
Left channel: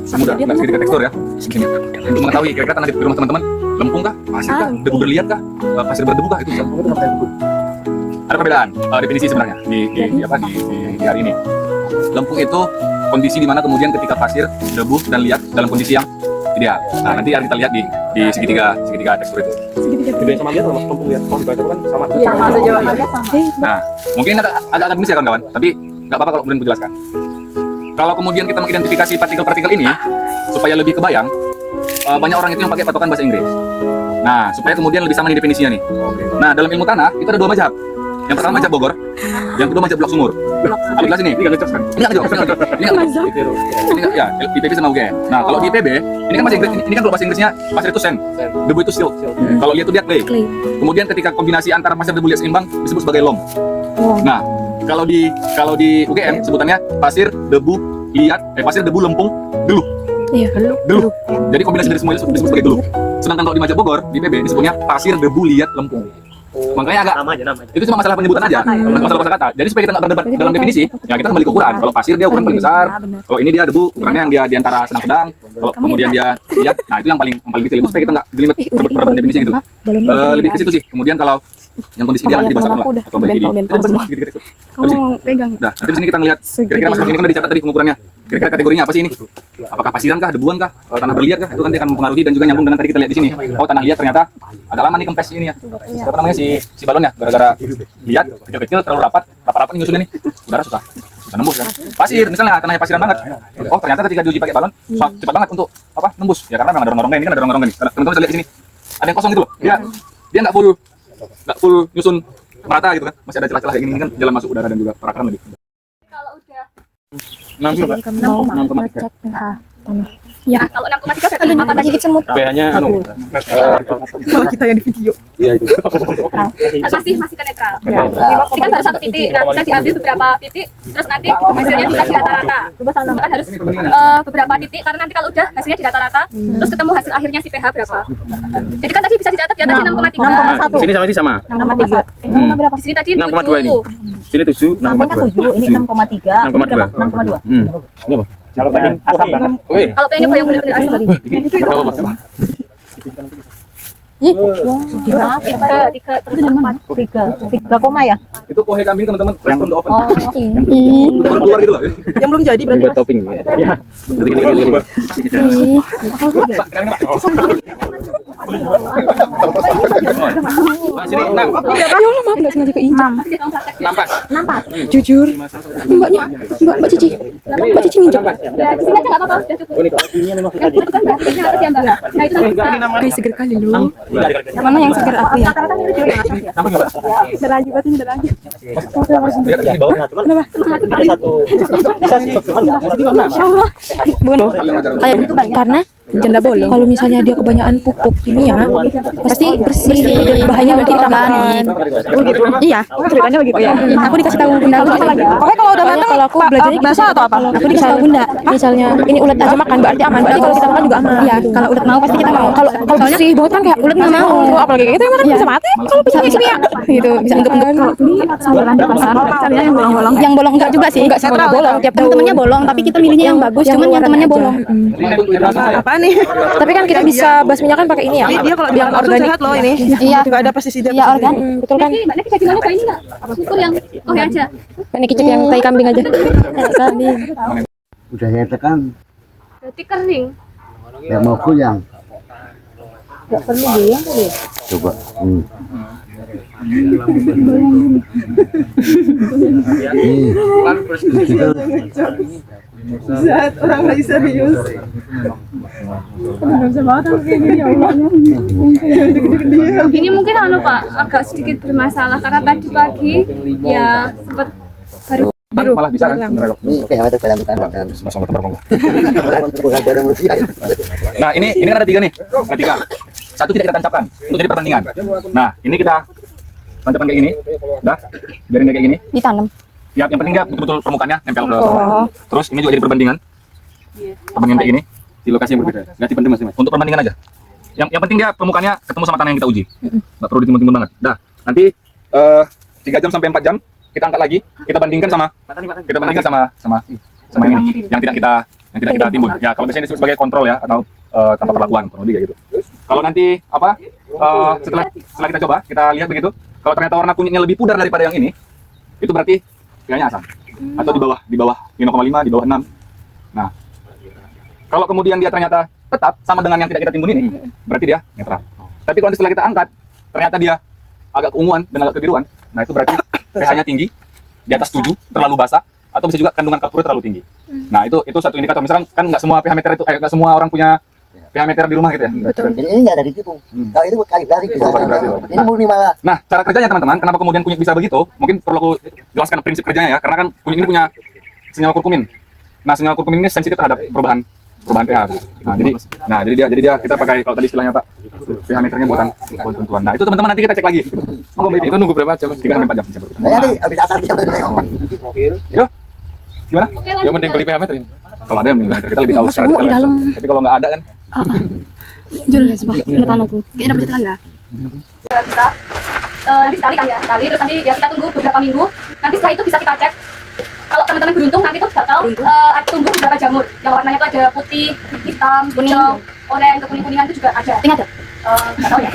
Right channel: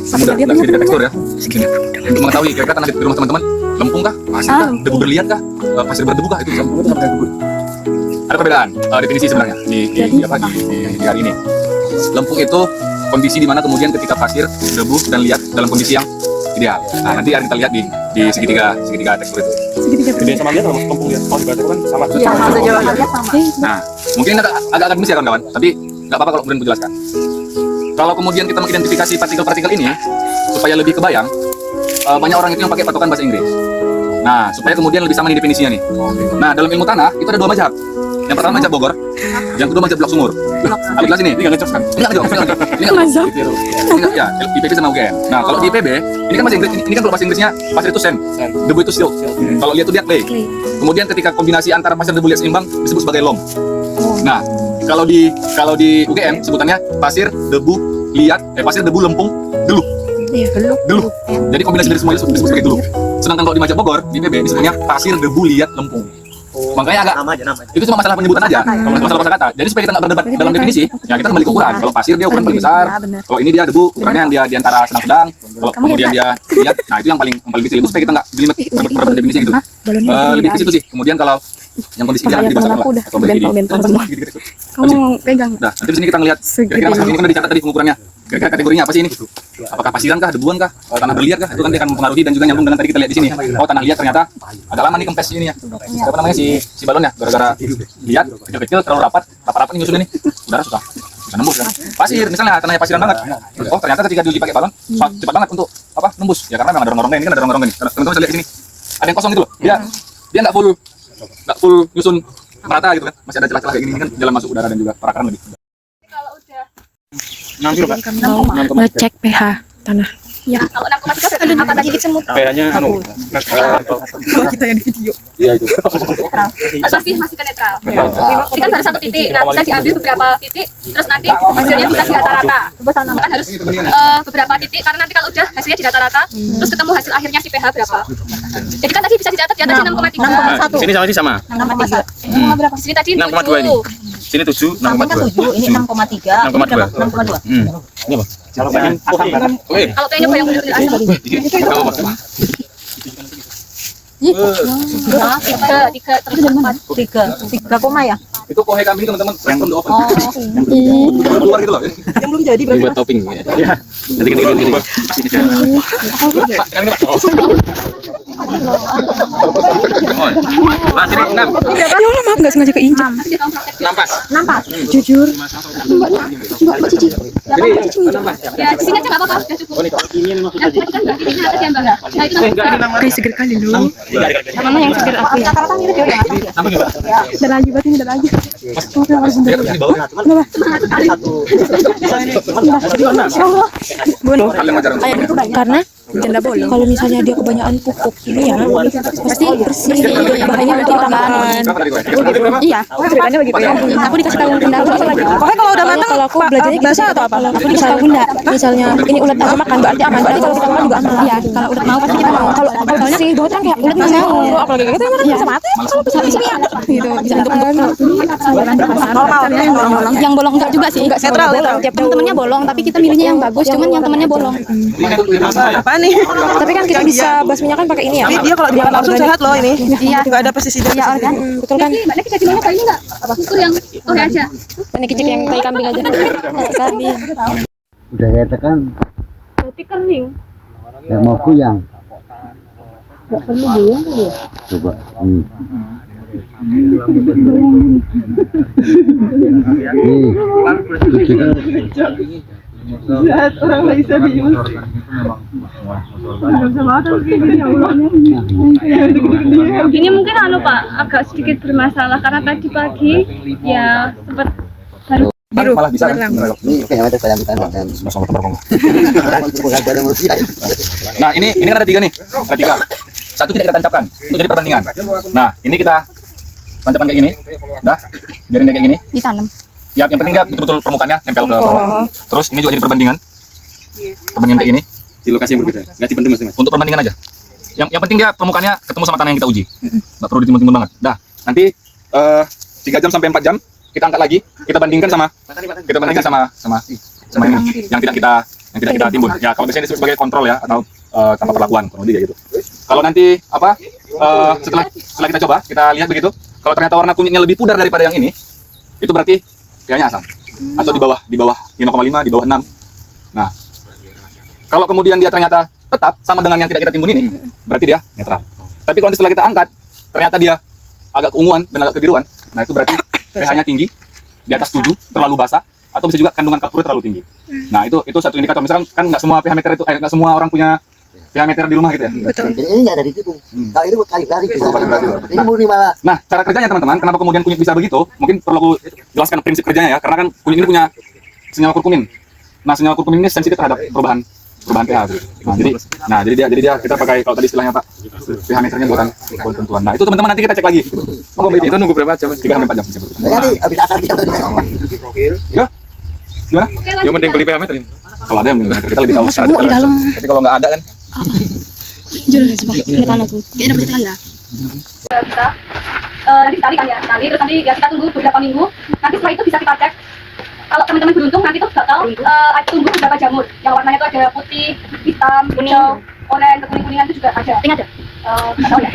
samudra, segitiga tekstur ya. Sini. Untuk mengetahui kira-kira tanah di rumah teman-teman lempung kah, pasir kah, debu berliat kah, pasir berdebu kah, itu bisa. Ada perbedaan definisi sebenarnya di hari ini. Lempung itu kondisi di mana kemudian ketika pasir, debu dan liat dalam kondisi yang ideal. Nah, nanti kita lihat di segitiga tekstur itu. Beda sama dia kalau lempung ya, kalau dibaca kan sama Iya, Nah, mungkin agak akademis ya kawan-kawan, tapi nggak apa-apa kalau kemudian aku jelaskan. Kalau kemudian kita mengidentifikasi partikel-partikel ini supaya lebih kebayang, banyak orang itu yang pakai patokan bahasa Inggris. Nah, supaya kemudian lebih sama nih definisinya nih. Nah, dalam ilmu tanah itu ada 2 mazhab. Yang pertama Maja Bogor, yang kedua Maja Blok Sumur. Ambil kelas ini nggak ngejok kan? Ini nggak ngejok, ini nggak ya. IPB sama UGM. Nah kalau di IPB, ini kan bahasa Inggris, ini kan kalau bahasa Inggrisnya pasir itu sand, debu itu silt. Kalau lihat itu dia clay. Kemudian ketika kombinasi antara pasir debu liat seimbang disebut sebagai loam. Nah kalau di UGM sebutannya pasir debu liat, pasir debu lempung deluh. Iya, Deluh. Jadi kombinasi dari semua itu disebut sebagai deluh. Sedangkan kalau di Maja Bogor, di IPB disebutnya pasir debu liat lempung. Makanya agak Nama aja. itu cuma masalah penyebutan aja, masalah kata. Jadi supaya kita nggak berdebat dalam definisi, ya kita kembali ke ukuran. Kalau pasir dia ukuran paling besar, kalau ini dia debu ukurannya yang dia di antara sedang-sedang. Kalau kemudian dia lihat, nah itu yang paling kecil. Itu supaya kita nggak jelimet berdebat definisi gitu. Lebih ke situ sih. Kemudian kalau yang kondisi dia lagi dibasarkan lah, atau bagi Kamu pegang. Nah, nanti di sini kita ngelihat kira-kira masalah ini kan udah dicatat tadi pengukurannya. Kira-kira kategorinya apa sih ini? Apakah pasiran kah, debuan kah, tanah berliat kah? Itu nanti akan mempengaruhi dan juga nyambung dengan tadi kita lihat di sini. Oh, tanah liat ternyata agak lama nih kempes ini ya. Siapa namanya si balonnya? Gara-gara liat kecil-kecil terlalu rapat nih nyusunnya nih. Udara susah nembus kan. Pasir misalnya tanahnya pasiran banget. Oh, ternyata ketika diuji pakai balon cepat banget untuk apa? Nembus. Ya karena memang ada rongga-rongga ini kan ada rongga-rongga nih. Teman-teman bisa lihat di sini. Ada yang kosong gitu loh. Dia nggak full nyusun merata gitu kan. Masih ada celah-celah kayak gini kan jalan masuk udara dan juga perakaran lebih. Kalau udah Nanti Pak. Mau ngecek pH tanah. Ya. kalau 6,3 berarti apa tadi? Gigit semut. Kayaknya Kalau kita yang di video. Iya itu. Masih ke netral. Ini kan baru satu titik. Nah, bisa diambil beberapa titik, terus nanti hasilnya bisa dirata-rata. Kan harus beberapa titik karena nanti kalau udah hasilnya dirata-rata, terus ketemu hasil akhirnya si pH berapa. Jadi kan tadi bisa dicatat di atasnya 6,3. Sini sama ini sama. 6,3. Berapa? Sini tadi 6,2 ini. Sini 7, 6,2. Ini 6,3. 6,2. Ini apa? Kalau pengen Kalau kayaknya bayang dulu Enggak apa-apa. tiga terus 4. 3 koma ya? Itu kohe kambing teman-teman yang from the oven. Oh. Keluar gitu loh. Yang belum jadi berarti. Buat topping. Iya. Gini. Mas ini 6. Ya Allah, maaf nggak sengaja keinjak. Nampas. Jujur. Mbak Cici. Mbak Cici nginjak. Ya, di sini aja nggak apa-apa, sudah cukup. Yang tadi kan Mbak Cici atas ya Mbak. Nah, itu nanti Kayak seger kali lu. Mana yang seger aku ya? Udah lagi berarti udah lagi. Di bawah. Karena janda bolong. Kalau misalnya dia kebanyakan pupuk ini ya, pasti bersih. Bahannya berarti utamakan. Iya, ceritanya begitu ya. Aku dikasih tahu bunda aku lagi. Pokoknya kalau udah matang Kalau aku belajarnya basah atau apa? Kalau aku dikasih tahu bunda, misalnya ini ulet aja makan berarti aman. Berarti kalau kita makan juga aman. Iya, kalau ulet mau pasti kita mau. Kalau bersih bau kan kayak ulet nggak mau. Apalagi gitu emang bisa mati. Kalau bisa di sini ya, gitu bisa untuk yang bolong enggak juga sih. Enggak netral, bolong. Tiap temennya bolong, tapi kita milihnya yang bagus. Cuman yang temennya bolong. Apa nih? Tapi kan kita bisa basminya kan pakai ini ya. Dia kalau dia langsung sehat loh ini. Iya. Juga ada pestisida. Iya, kan? Betul kan? Mbak Neki jadi mana Pak ini nggak? Ukur yang oke aja. Ini kicik yang tai kambing aja. Kambing. Udah saya tekan, Berarti kering. yang mau goyang. Enggak perlu goyang kali ya? Coba. Orang nggak bisa dius. Ini mungkin Pak agak sedikit bermasalah karena tadi pagi ya sempat baru Biru. Malah bisa. Ini kayak ada kayak dan Sama-sama terpongkong. Nah, ini kan ada 3 nih. Ada 3. Satu tidak kita tancapkan untuk jadi perbandingan. Nah, ini kita tancapkan kayak gini. Udah. Biarin kayak gini. Ditanam. Ya, yang penting dia betul-betul permukaannya nempel ke bawah. Terus ini juga jadi perbandingan. Perbandingan kayak gini Di lokasi yang berbeda. Nggak dipendem Mas. untuk perbandingan aja. Yang penting dia permukaannya ketemu sama tanah yang kita uji. Nggak perlu ditimbun-timbun banget. Dah. Nanti 3 jam sampai 4 jam kita angkat lagi, kita bandingkan sama ini yang tidak kita timbun. Ya, kalau biasanya disebut sebagai kontrol ya atau tanpa perlakuan kurang lebih kayak gitu. Kalau nanti setelah kita coba, kita lihat begitu, kalau ternyata warna kunyitnya lebih pudar daripada yang ini, itu berarti kayaknya asam. Atau di bawah 5,5, di bawah 6. Nah, kalau kemudian dia ternyata tetap sama dengan yang tidak kita timbun ini, berarti dia netral. Tapi kalau setelah kita angkat, ternyata dia agak keunguan dan agak kebiruan, nah itu berarti pH-nya tinggi, di atas 7, terlalu basah, atau bisa juga kandungan kapur terlalu tinggi. Nah itu satu indikator. Misalkan kan nggak semua pH meter itu, nggak semua orang punya pH meter di rumah gitu ya. Jadi ini nggak ada ditipu. Kalau ini buat kalibrasi. Ini murni malah. Nah, cara kerjanya teman-teman, kenapa kemudian kunyit bisa begitu? Mungkin perlu aku jelaskan prinsip kerjanya ya, karena kan kunyit ini punya senyawa kurkumin. Nah, senyawa kurkumin ini sensitif terhadap perubahan pH. Nah, jadi dia kita pakai kalau tadi istilahnya Pak, pH meternya buatan tentuan. Nah, itu teman-teman nanti kita cek lagi. Itu nunggu berapa jam? 3-4 jam. Nanti habis asar kita Yo. Gimana? Yang penting beli pH meter ini. Kalau ada yang kita lebih tahu. Di dalam. Tapi kalau nggak ada kan Jelas Pak. Lihat tanah tuh. Kayak dapat tanda. Kita nanti tali kan ya, tali terus nanti ya kita tunggu beberapa minggu. Nanti setelah itu bisa kita cek. Kalau teman-teman beruntung nanti tuh bakal tumbuh beberapa jamur yang warnanya tuh ada putih, hitam, hijau, oranye, kekuning-kuningan itu juga ada. Ini ada. Nggak tahu ya.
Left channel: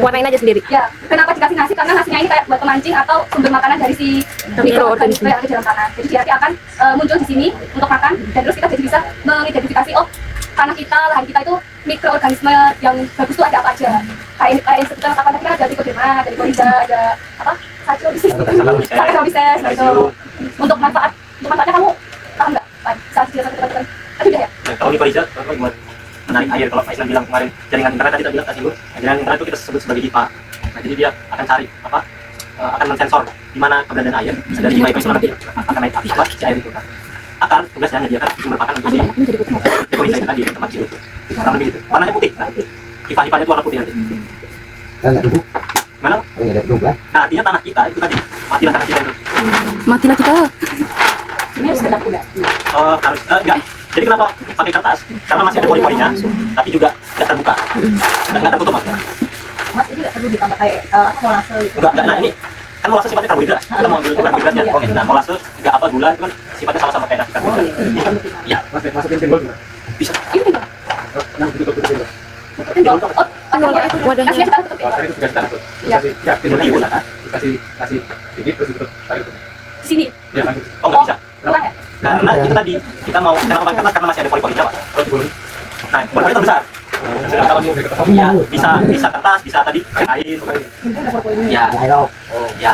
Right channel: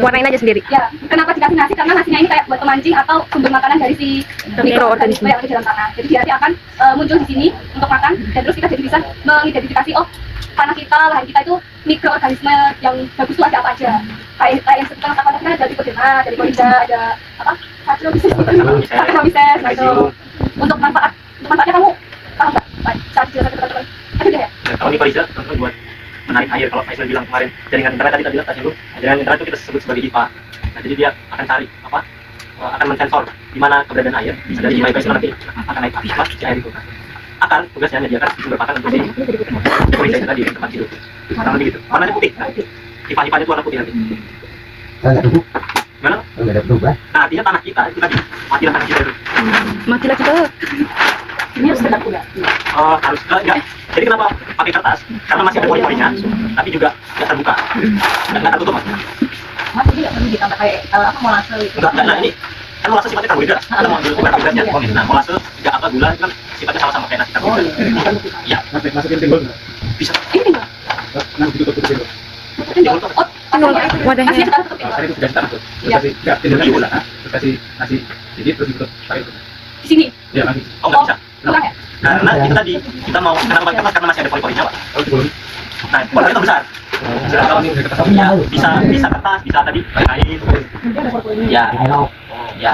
Warnain aja sendiri. Ya, kenapa dikasih nasi? Karena nasinya ini kayak buat pemancing atau sumber makanan dari si mikroorganisme yang ada di dalam tanah. Jadi dia nanti akan muncul di sini untuk makan dan terus kita jadi bisa mengidentifikasi tanah kita, lahan kita itu mikroorganisme yang bagus itu ada apa aja. Kayak sekitar apa kita ada Trichodema, ada Trichorhiza, ada apa? Saccharomyces gitu. Untuk manfaatnya kamu tahu nggak? Saat jelas teman-teman. Ada ya? Kalau Trichorhiza teman-teman buat menarik air. Kalau Aisyah bilang kemarin jaringan internet tadi kita bilang tadi jaringan internet itu kita sebut sebagai IPA. Nah, jadi dia akan cari akan mensensor di mana keberadaan air. Dari IPA itu nanti akan naik api si air itu kan. Akan tugasnya menyediakan sumber pakan untuk si Trichorhiza itu tadi tempat situ. Kurang lebih gitu. Warnanya putih. Nah, IPA-nya itu warna putih nanti. Enggak duduk. Mana? Enggak ada duduk lah. Nah, artinya tanah kita itu tadi matilah tanah kita itu. Matilah kita. Ini harus tetap kuda. Harus enggak. Jadi kenapa pakai kertas? Karena masih ada pori-porinya, tapi juga tidak terbuka. Nggak tertutup mas. Mas ini nggak perlu ditambah kayak molase gitu. Enggak, nah ini kan molase sifatnya karbohidrat. Kita mau ambil karbohidratnya. Nah, molase juga apa gula itu kan sifatnya sama-sama kayak nasi karbohidrat. Iya. masukin timbul. Bisa. Ini timbul. Wadahnya. Aslinya kita tutup Tadi itu dikasih tanah tuh. Iya. Ya, timbulnya gula. Dikasih nasi sedikit terus ditutup pakai itu. di sini. Ya, langsung. Oh, nggak bisa. Kurang ya? Karena itu tadi kita mau kenapa pakai kertas karena masih ada pori-porinya, Pak. Nah, pori-porinya besar. Kalau mau kertas Ya, bisa kertas, bisa tadi air. Ya. Ya.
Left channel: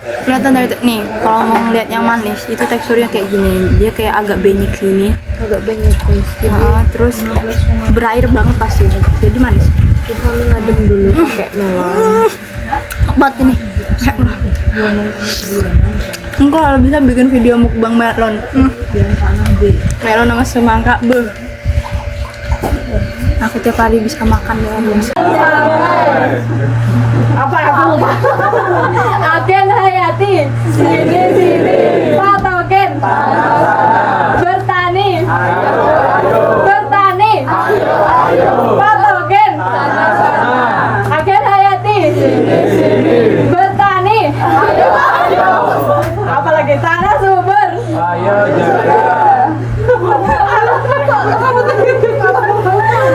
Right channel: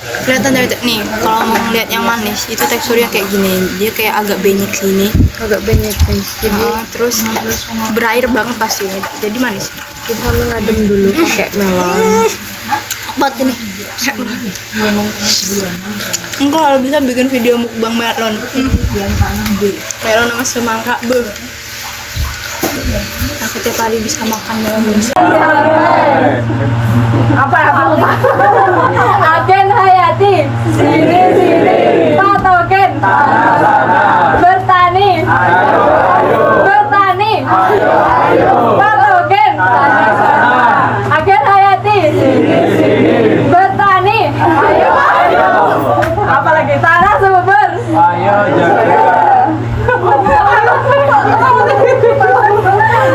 Kelihatan dari nih, kalau mau ngeliat yang manis itu teksturnya kayak gini, dia kayak agak benyek sini, Agak banyak guys. Jadi terus berair banget pasti, jadi manis. kita mengadem dulu pakai melon. Buat ini. Enggak, kalau bisa bikin video mukbang melon. Melon sama semangka, beuh. Aku tiap hari bisa makan melon. Agen Hayati, sini, patogen, bertani, patogen, agen Hayati, bertani, apalagi tanah subur,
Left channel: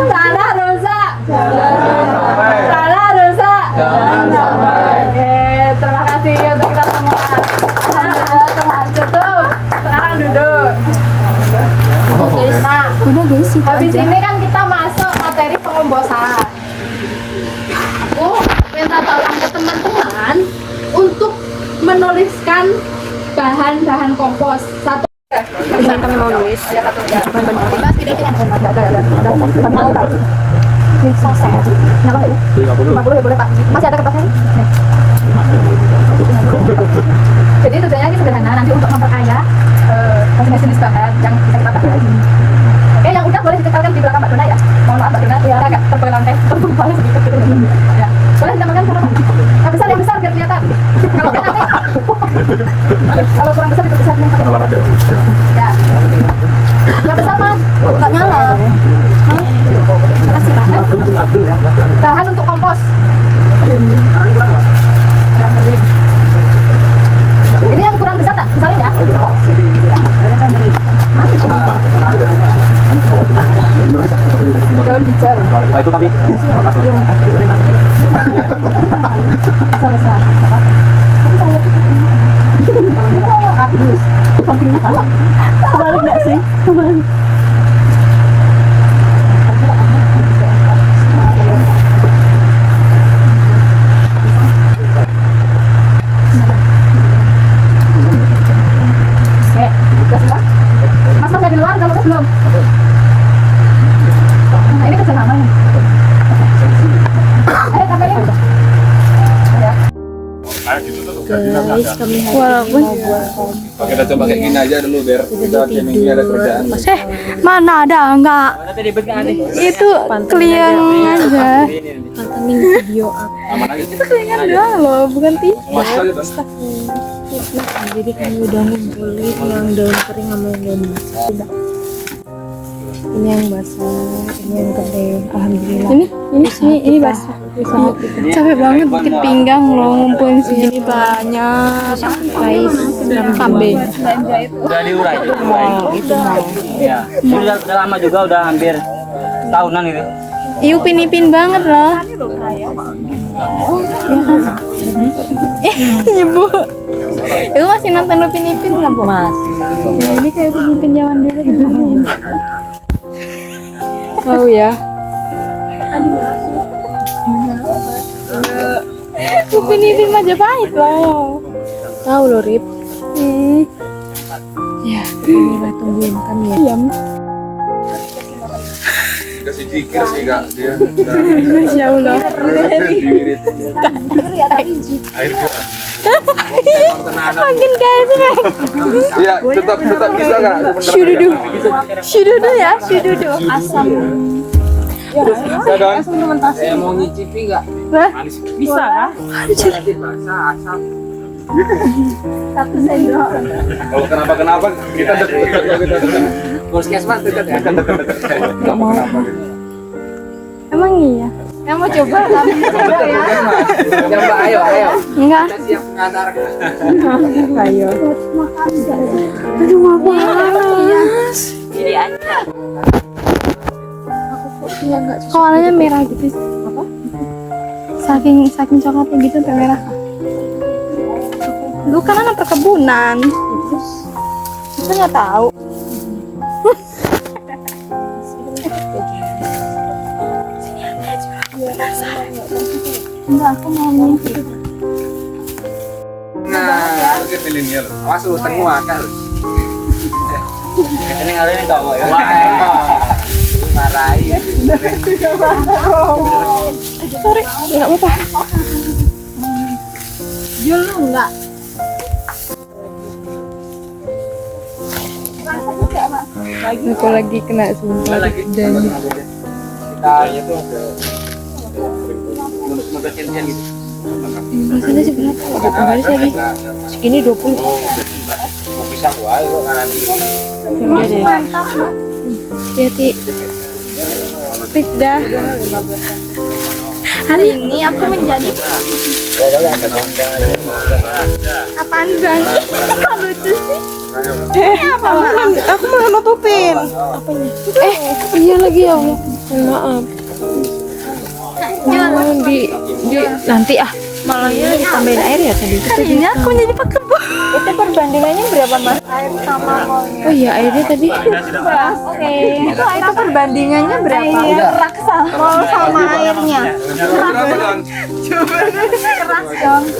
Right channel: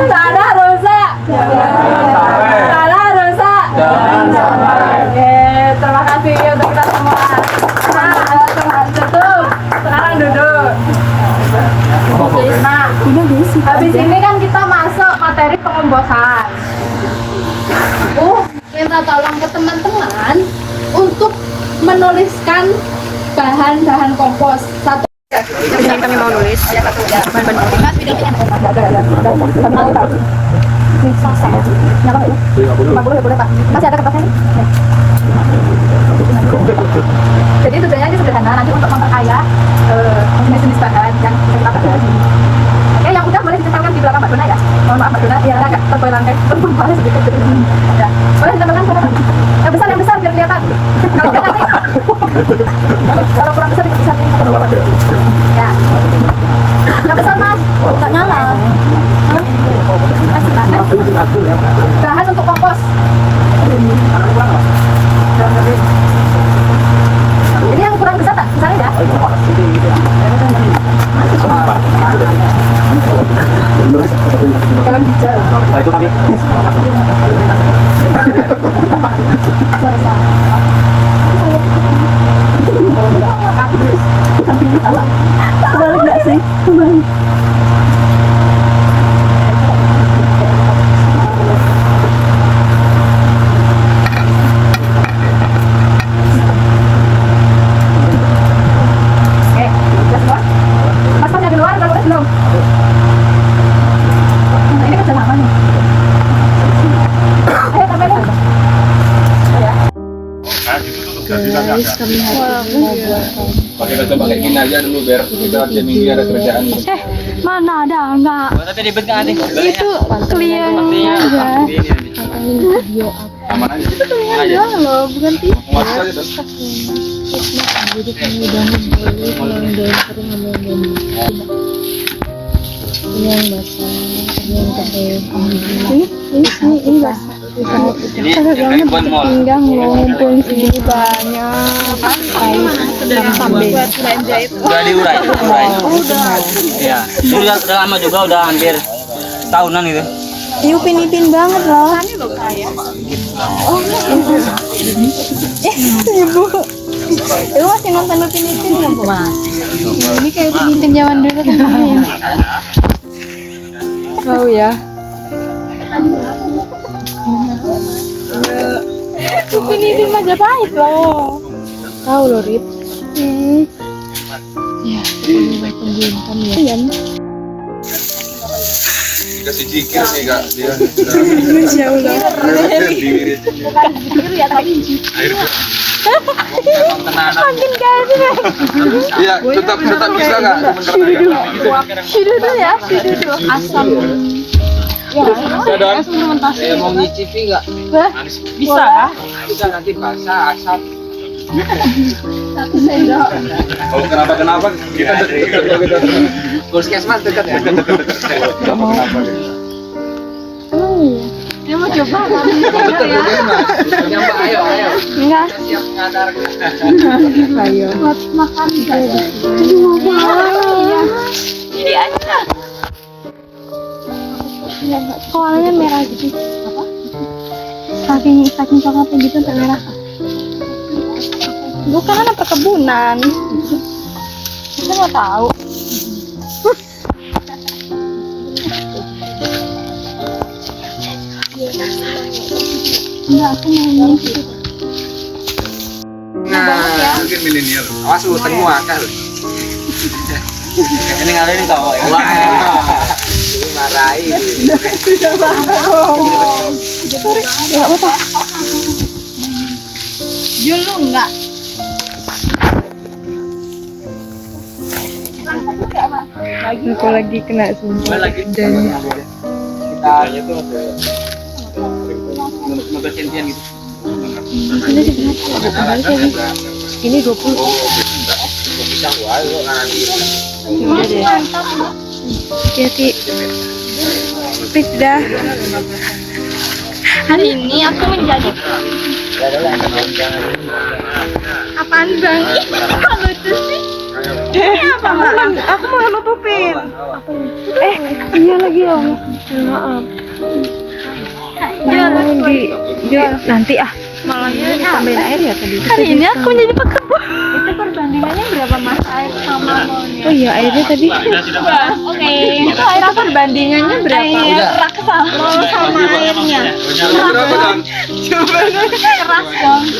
tanah rusak, terima kasih untuk kita semua. Tutup. Sekarang duduk. Nah, habis ini kan kita masuk materi pengombosan. Aku minta tolong ke teman-teman untuk menuliskan bahan-bahan kompos. Satu. Ini kami mau nulis. Ini sasa. Ini apa ya? 50 ya boleh Pak. Masih ada kertasnya nih? Nih. Jadi tujuannya ini sederhana, nanti untuk memperkaya jenis bahan yang bisa kita pakai lagi. Oke, yang udah boleh ditempelkan di belakang Mbak Dona ya. Mohon maaf Mbak Dona, ya agak tebal rangkai, tebal sedikit gitu. Ya, boleh ditempelkan yang besar biar kelihatan. Kalau nggak nanti, kalau kurang besar itu besar. Ya. Yang besar Mas, nggak nyala. Kasih Pak. Bahan untuk kompos. Ini yang kurang besar tak? Misalnya ya? Itu tadi. Kebalik nggak sih? Kebalik. Oke, udah semua? Mas ada di luar, udah lulus belum? kami hari ini mau buat Kita coba kayak gini aja dulu biar kita jadi minggu ada kerjaan. Mana ada enggak? Tapi ribet nggak nih? Itu klien aja. pantengin video aku. Aman aja. Enggak loh, bukan TV. Masuk aja tuh. Jadi kami udah ngumpulin tulang daun kering sama yang daun basah. Ini yang basah, ini yang kering. Alhamdulillah. Ini basah. Capek banget bikin pinggang loh, ngumpulin sini banyak. Kais dan tambahin. Udah diurai. Itu mau. Iya. Ini udah lama juga, udah hampir tahunan itu. Iya, upin-ipin banget loh. Ibu. Itu masih nonton upin-ipin nggak, Bu? Ini kayak upin-ipin zaman dulu kan. Oh ya. Upin-ipin Majapahit loh. Tahu loh, Rip. Ya, kita tungguin kan ya. Iya. Dikasih jikir sih kak dia. Masya Allah. Diwirit. Air Makin kayak sih. Iya, tetap bisa kak. Syududu ya, syududu. Asam. Saya mau nyicipi nggak? Bisa kah? Bisa nanti basah asap. Satu sendok. Kalau kenapa kita dekat. Puskesmas dekat ya. Gak mau. Emang iya. Yang mau coba kan? Coba ayo. Enggak. Kita siap mengantar. Ayo. Buat makan guys. Aduh, apa? Jadi aja. Soalnya merah gitu. Apa? Saking coklatnya gitu merah. Lu kan ada perkebunan. Kita nggak tahu. Nah, mungkin milenial. Awas lu tengah kan. Ini ngalahin kau ya. Marahin. Enggak apa-apa. Dulu enggak. Aku lagi kena sumpah. Dan Kita itu untuk sentian gitu. Ini sebenarnya ini 20. Bisa gua lu kanan hati-hati. Please dah. Hari ini aku menjadi apaan bang? Apa lucu sih? Apa? Aku mau sama Pupin. Iya lagi ya Allah. Maaf. Nanti malahnya ditambahin air ya tadi. Hari ini aku menjadi pekebun. Itu perbandingannya berapa mas? Air sama Oh iya airnya tadi. Oke. Itu air Perbandingannya berapa? air raksa.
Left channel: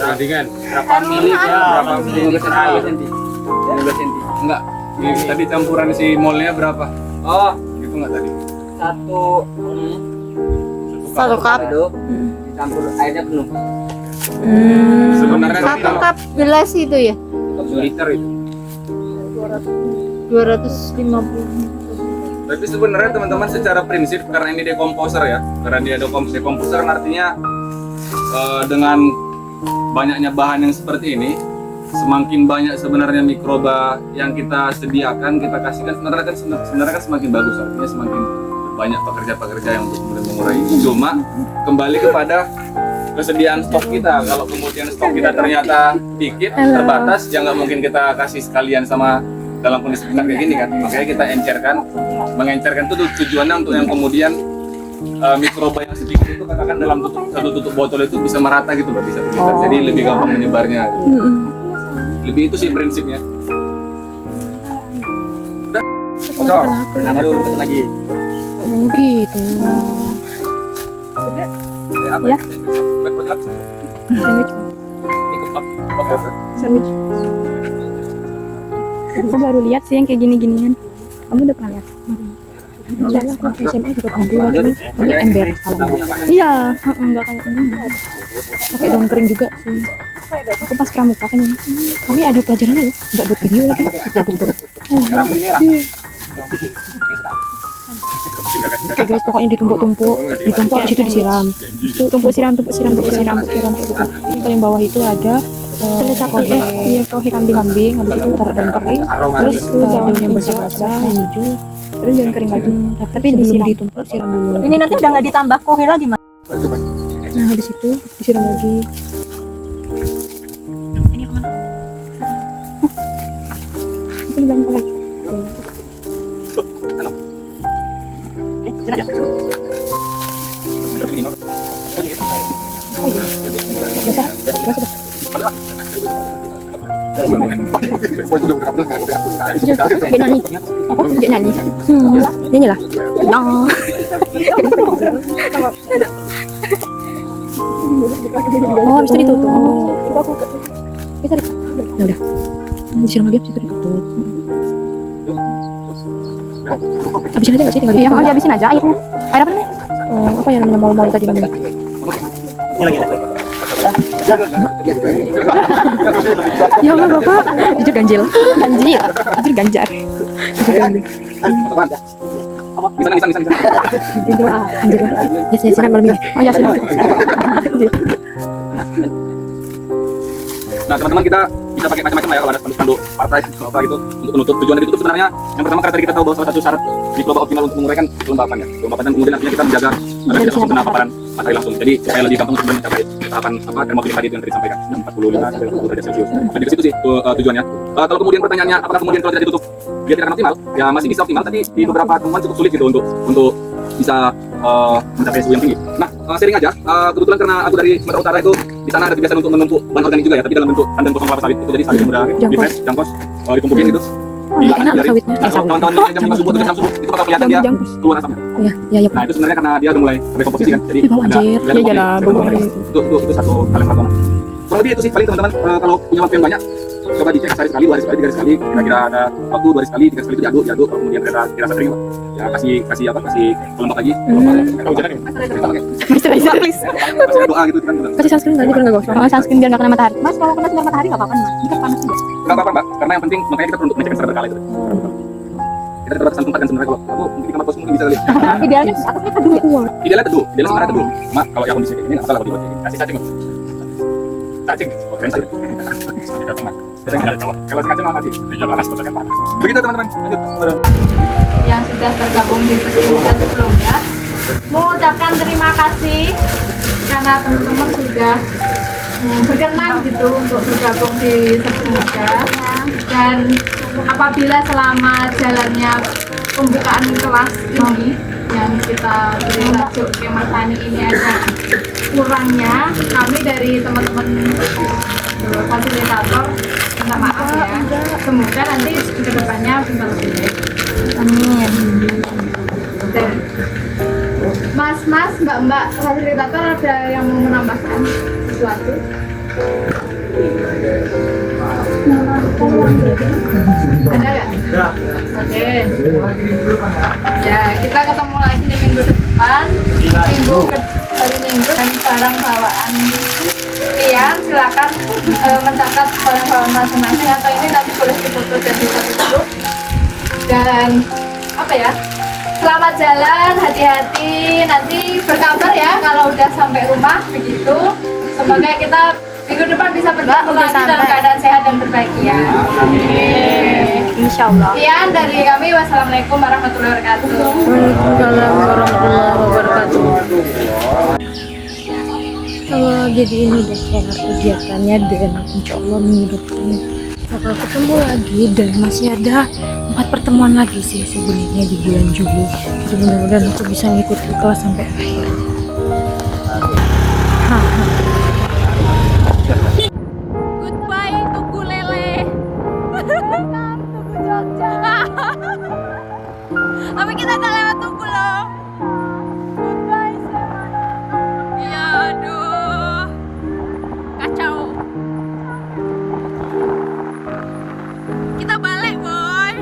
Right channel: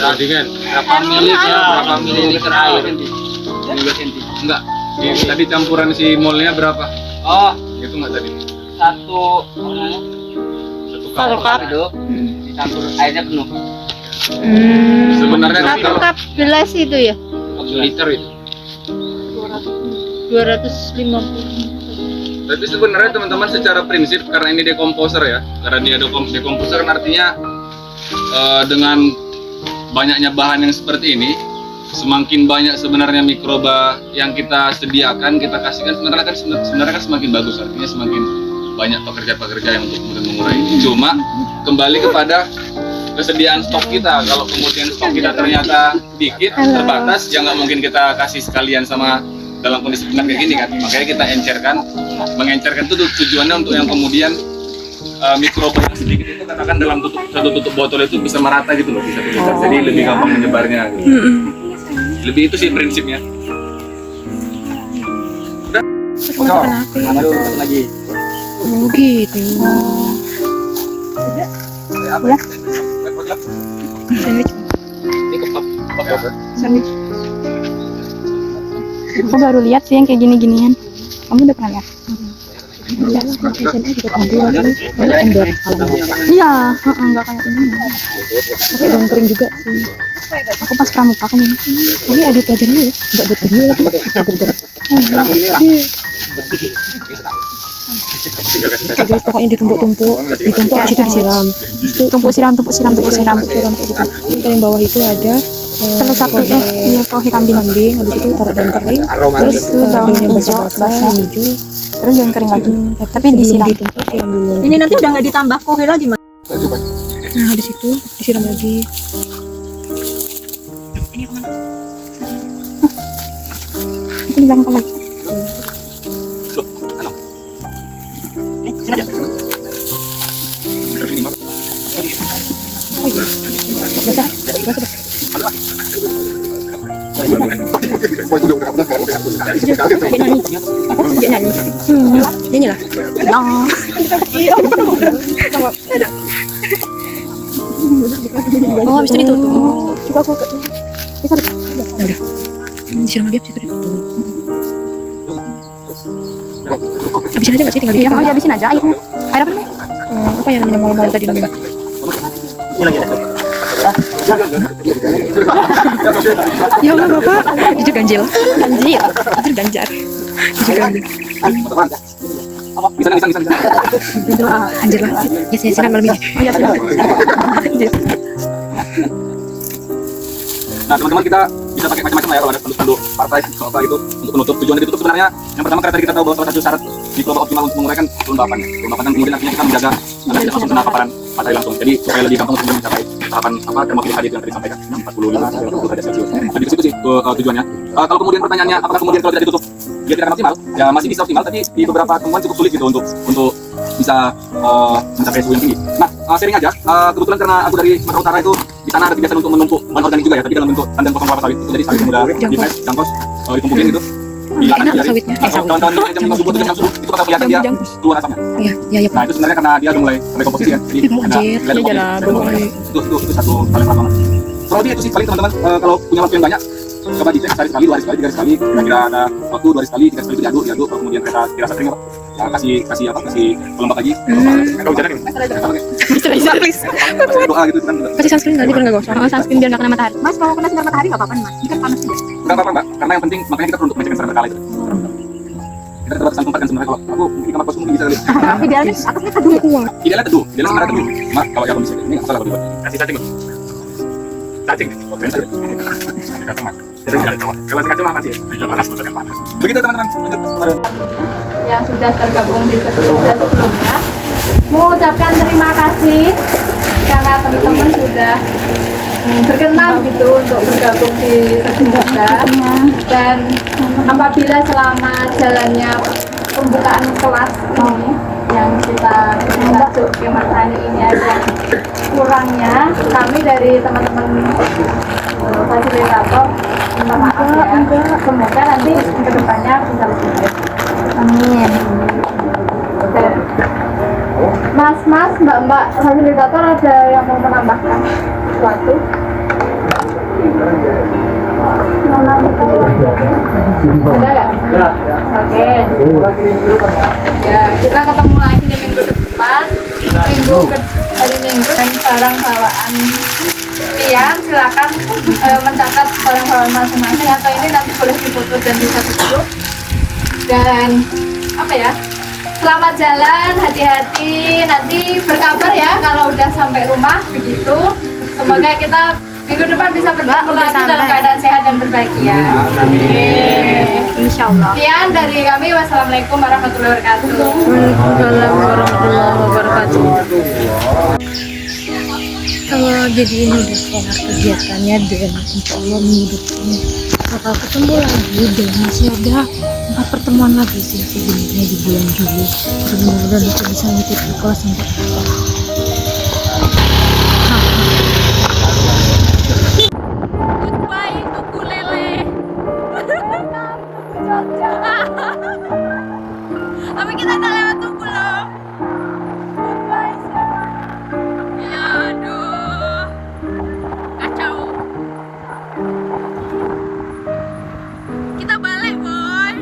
Bandingan berapa mililiter air? 15 cm. Enggak. Tadi campuran si molnya berapa? Oh, Gitu enggak tadi? satu cup itu dicampur airnya penuh. Sebenarnya kalau Cup gelas itu ya? 1 liter itu. 250. Tapi sebenarnya teman-teman secara prinsip karena ini dekomposer ya, karena dia dekomposer kan artinya dengan banyaknya bahan yang seperti ini, semakin banyak sebenarnya mikroba yang kita sediakan, kita kasihkan sebenarnya kan semakin bagus, artinya semakin banyak pekerja-pekerja yang untuk kemudian mengurai. Cuma kembali kepada kesediaan stok kita. Kalau kemudian stok kita ternyata dikit, terbatas, ya nggak mungkin kita kasih sekalian sama dalam kondisi kayak gini kan. Makanya kita mengencerkan itu tujuannya untuk yang kemudian mikroba yang sedikit itu katakan dalam satu tutup botol itu bisa merata gitu loh, bisa menyebar. Jadi lebih gampang menyebarnya. Gitu. Lebih itu sih prinsipnya. Udah. Lanjut lagi. Oh gitu. Apa? Ya. Sandwich. Ini kebab. Sandwich. Aku baru lihat sih yang kayak gini-ginian. Kamu udah pernah lihat? Aku SMA juga pernah lihat. Ini ember kalau Iya, enggak kayak ini. pakai daun kering juga sih. Aku pas pramuka kan ini ada pelajarannya ya, nggak buat video lagi. Oke guys, pokoknya ditumpuk habis itu disiram. Itu tumpuk siram kayak gitu. Ini paling bawah itu ada Terus aku pohe kambing, habis itu taruh daun kering, terus daunnya basah hijau, terus yang kering lagi. Tapi sebelum disiram. ditumpuk siram dulu. Ini nanti udah nggak ditambah kohe lagi, Mas. Nah habis itu disiram lagi. Ini gampang lagi. Ini lah. Oh, habis itu ditutup. Nah, udah. Disiram lagi habis itu ditutup. Habisin aja nggak sih, tinggal Iya, habisin aja airnya. Air apa? apa yang namanya mal-mal tadi namanya? Ya Allah bapak, jujur ganjil. Jujur ganjar. Bisa. Itu anjir lah. Yes, malam ini. Oh ya sudah. Nah teman-teman, kita bisa pakai macam-macam ya kalau ada spanduk partai apa itu untuk penutup. Tujuan ditutup sebenarnya yang pertama karena tadi kita tahu bahwa salah satu syarat di global optimal untuk menguraikan kelembapannya. Kelembapan kemudian artinya kita menjaga agar tidak langsung kena paparan matahari langsung. Jadi supaya lebih gampang untuk mencapai tahapan termofil tadi yang tadi disampaikan 45 sampai 40 derajat Celcius. Jadi di situ sih tujuannya. Kalau kemudian pertanyaannya apakah kemudian kalau tidak ditutup dia tidak akan maksimal? Ya masih bisa optimal, tapi di beberapa temuan cukup sulit gitu untuk bisa mencapai suhu yang tinggi. Nah, sharing aja. Kebetulan karena aku dari Sumatera Utara itu di sana ada kebiasaan untuk menumpuk bahan organik juga ya, tapi dalam bentuk tandem kosong kelapa sawit. Itu jadi sawit yang udah dipres, jangkos, ditumpukin gitu. Enak sawitnya. Kawan-kawan jam 5 subuh atau jam 6 subuh itu bakal kelihatan dia keluar asapnya. Iya. Nah, itu sebenarnya karena dia udah mulai komposisi kan. Jadi ada itu satu hal yang pertama. Kurang lebih itu sih paling teman-teman, kalau punya waktu yang banyak coba dicek sehari sekali, 2 hari sekali, 3 hari sekali, kira-kira ada waktu 2 hari sekali, 3 hari sekali itu diaduk, kalau kemudian dirasa sering apa? Ya kasih pelembab lagi. Kalau hujan ini. Please. Doa gitu kan. Kasih sunscreen nggak biar nggak gosong. Sunscreen biar nggak kena matahari. Mas, kalau kena sinar matahari nggak apa-apa nih, Mas. Ini kan panas juga. Enggak apa-apa, Mbak. Karena yang penting makanya kita perlu untuk mengecek secara berkala itu. Kita terbatas tempat kan sebenarnya, kalau aku mungkin kamar kos mungkin bisa kali. Idealnya atasnya teduh. Idealnya sebenarnya teduh. Mak, kalau yang kondisi ini nggak salah kalau dibuat ini. Kasih cacing. Keren saja. Kalau kacang mati. Begitu teman-teman. Lanjut. Yang sudah tergabung di episode sebelumnya, mengucapkan terima kasih karena teman-teman sudah berkenan gitu untuk bergabung di sebelumnya. Dan apabila selama jalannya pembukaan kelas ini yang kita masuk kemah tani ini ada kurangnya, kami dari teman-teman fasilitator minta maaf ya. Semoga nanti kedepannya bisa lebih baik. Amin. Mas, mbak fasilitator ada yang mau menambahkan sesuatu? Ada ya? Oke. Ya, kita ketemu lagi di minggu depan. Hari Minggu dan barang bawaan Tiang, silakan mencatat barang bawaan masing-masing, atau ini nanti boleh ditutup dan bisa ditutup. Dan apa ya? Selamat jalan, hati-hati. Nanti berkabar ya kalau udah sampai rumah begitu. Semoga kita minggu depan bisa bertemu lagi dalam keadaan sehat dan berbahagia. Insyaallah. Sekian dari kami. Wassalamualaikum warahmatullahi wabarakatuh. Waalaikumsalam warahmatullahi wabarakatuh. Kalau jadi ini udah kelar kegiatannya dan insya Allah minggu depan bakal ketemu lagi dan masih ada 4 pertemuan lagi sih sebenarnya di bulan Juli. Jadi mudah-mudahan aku bisa ngikut ke kelas sampai Tapi kita nggak lewat Tugu loh. Goodbye semuanya. Aduh, kacau. Kita balik boy.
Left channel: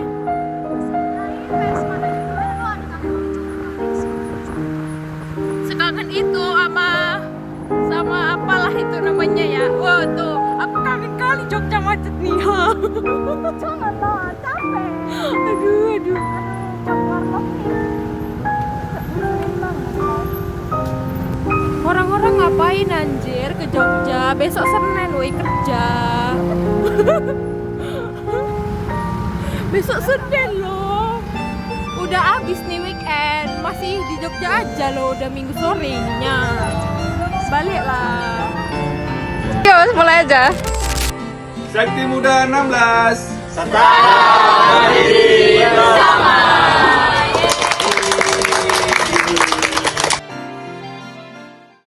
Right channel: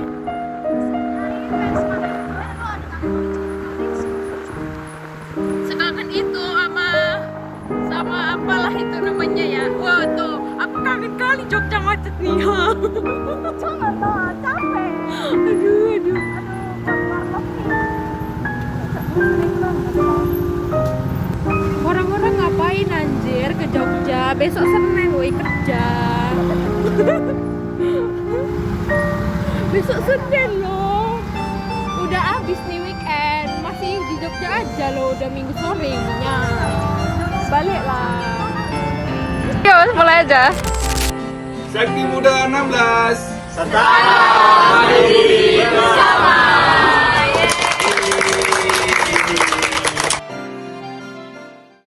Jogja macet nih. Jangan lah, capek. Aduh. Warlock nih. Sering banget loh. Orang-orang ngapain anjir ke Jogja? Besok Senin woi kerja. Besok Senin loh. Udah habis nih weekend. Masih di Jogja aja loh, udah minggu sorenya. Baliklah. Yuk, mulai aja. Sakti Muda 16.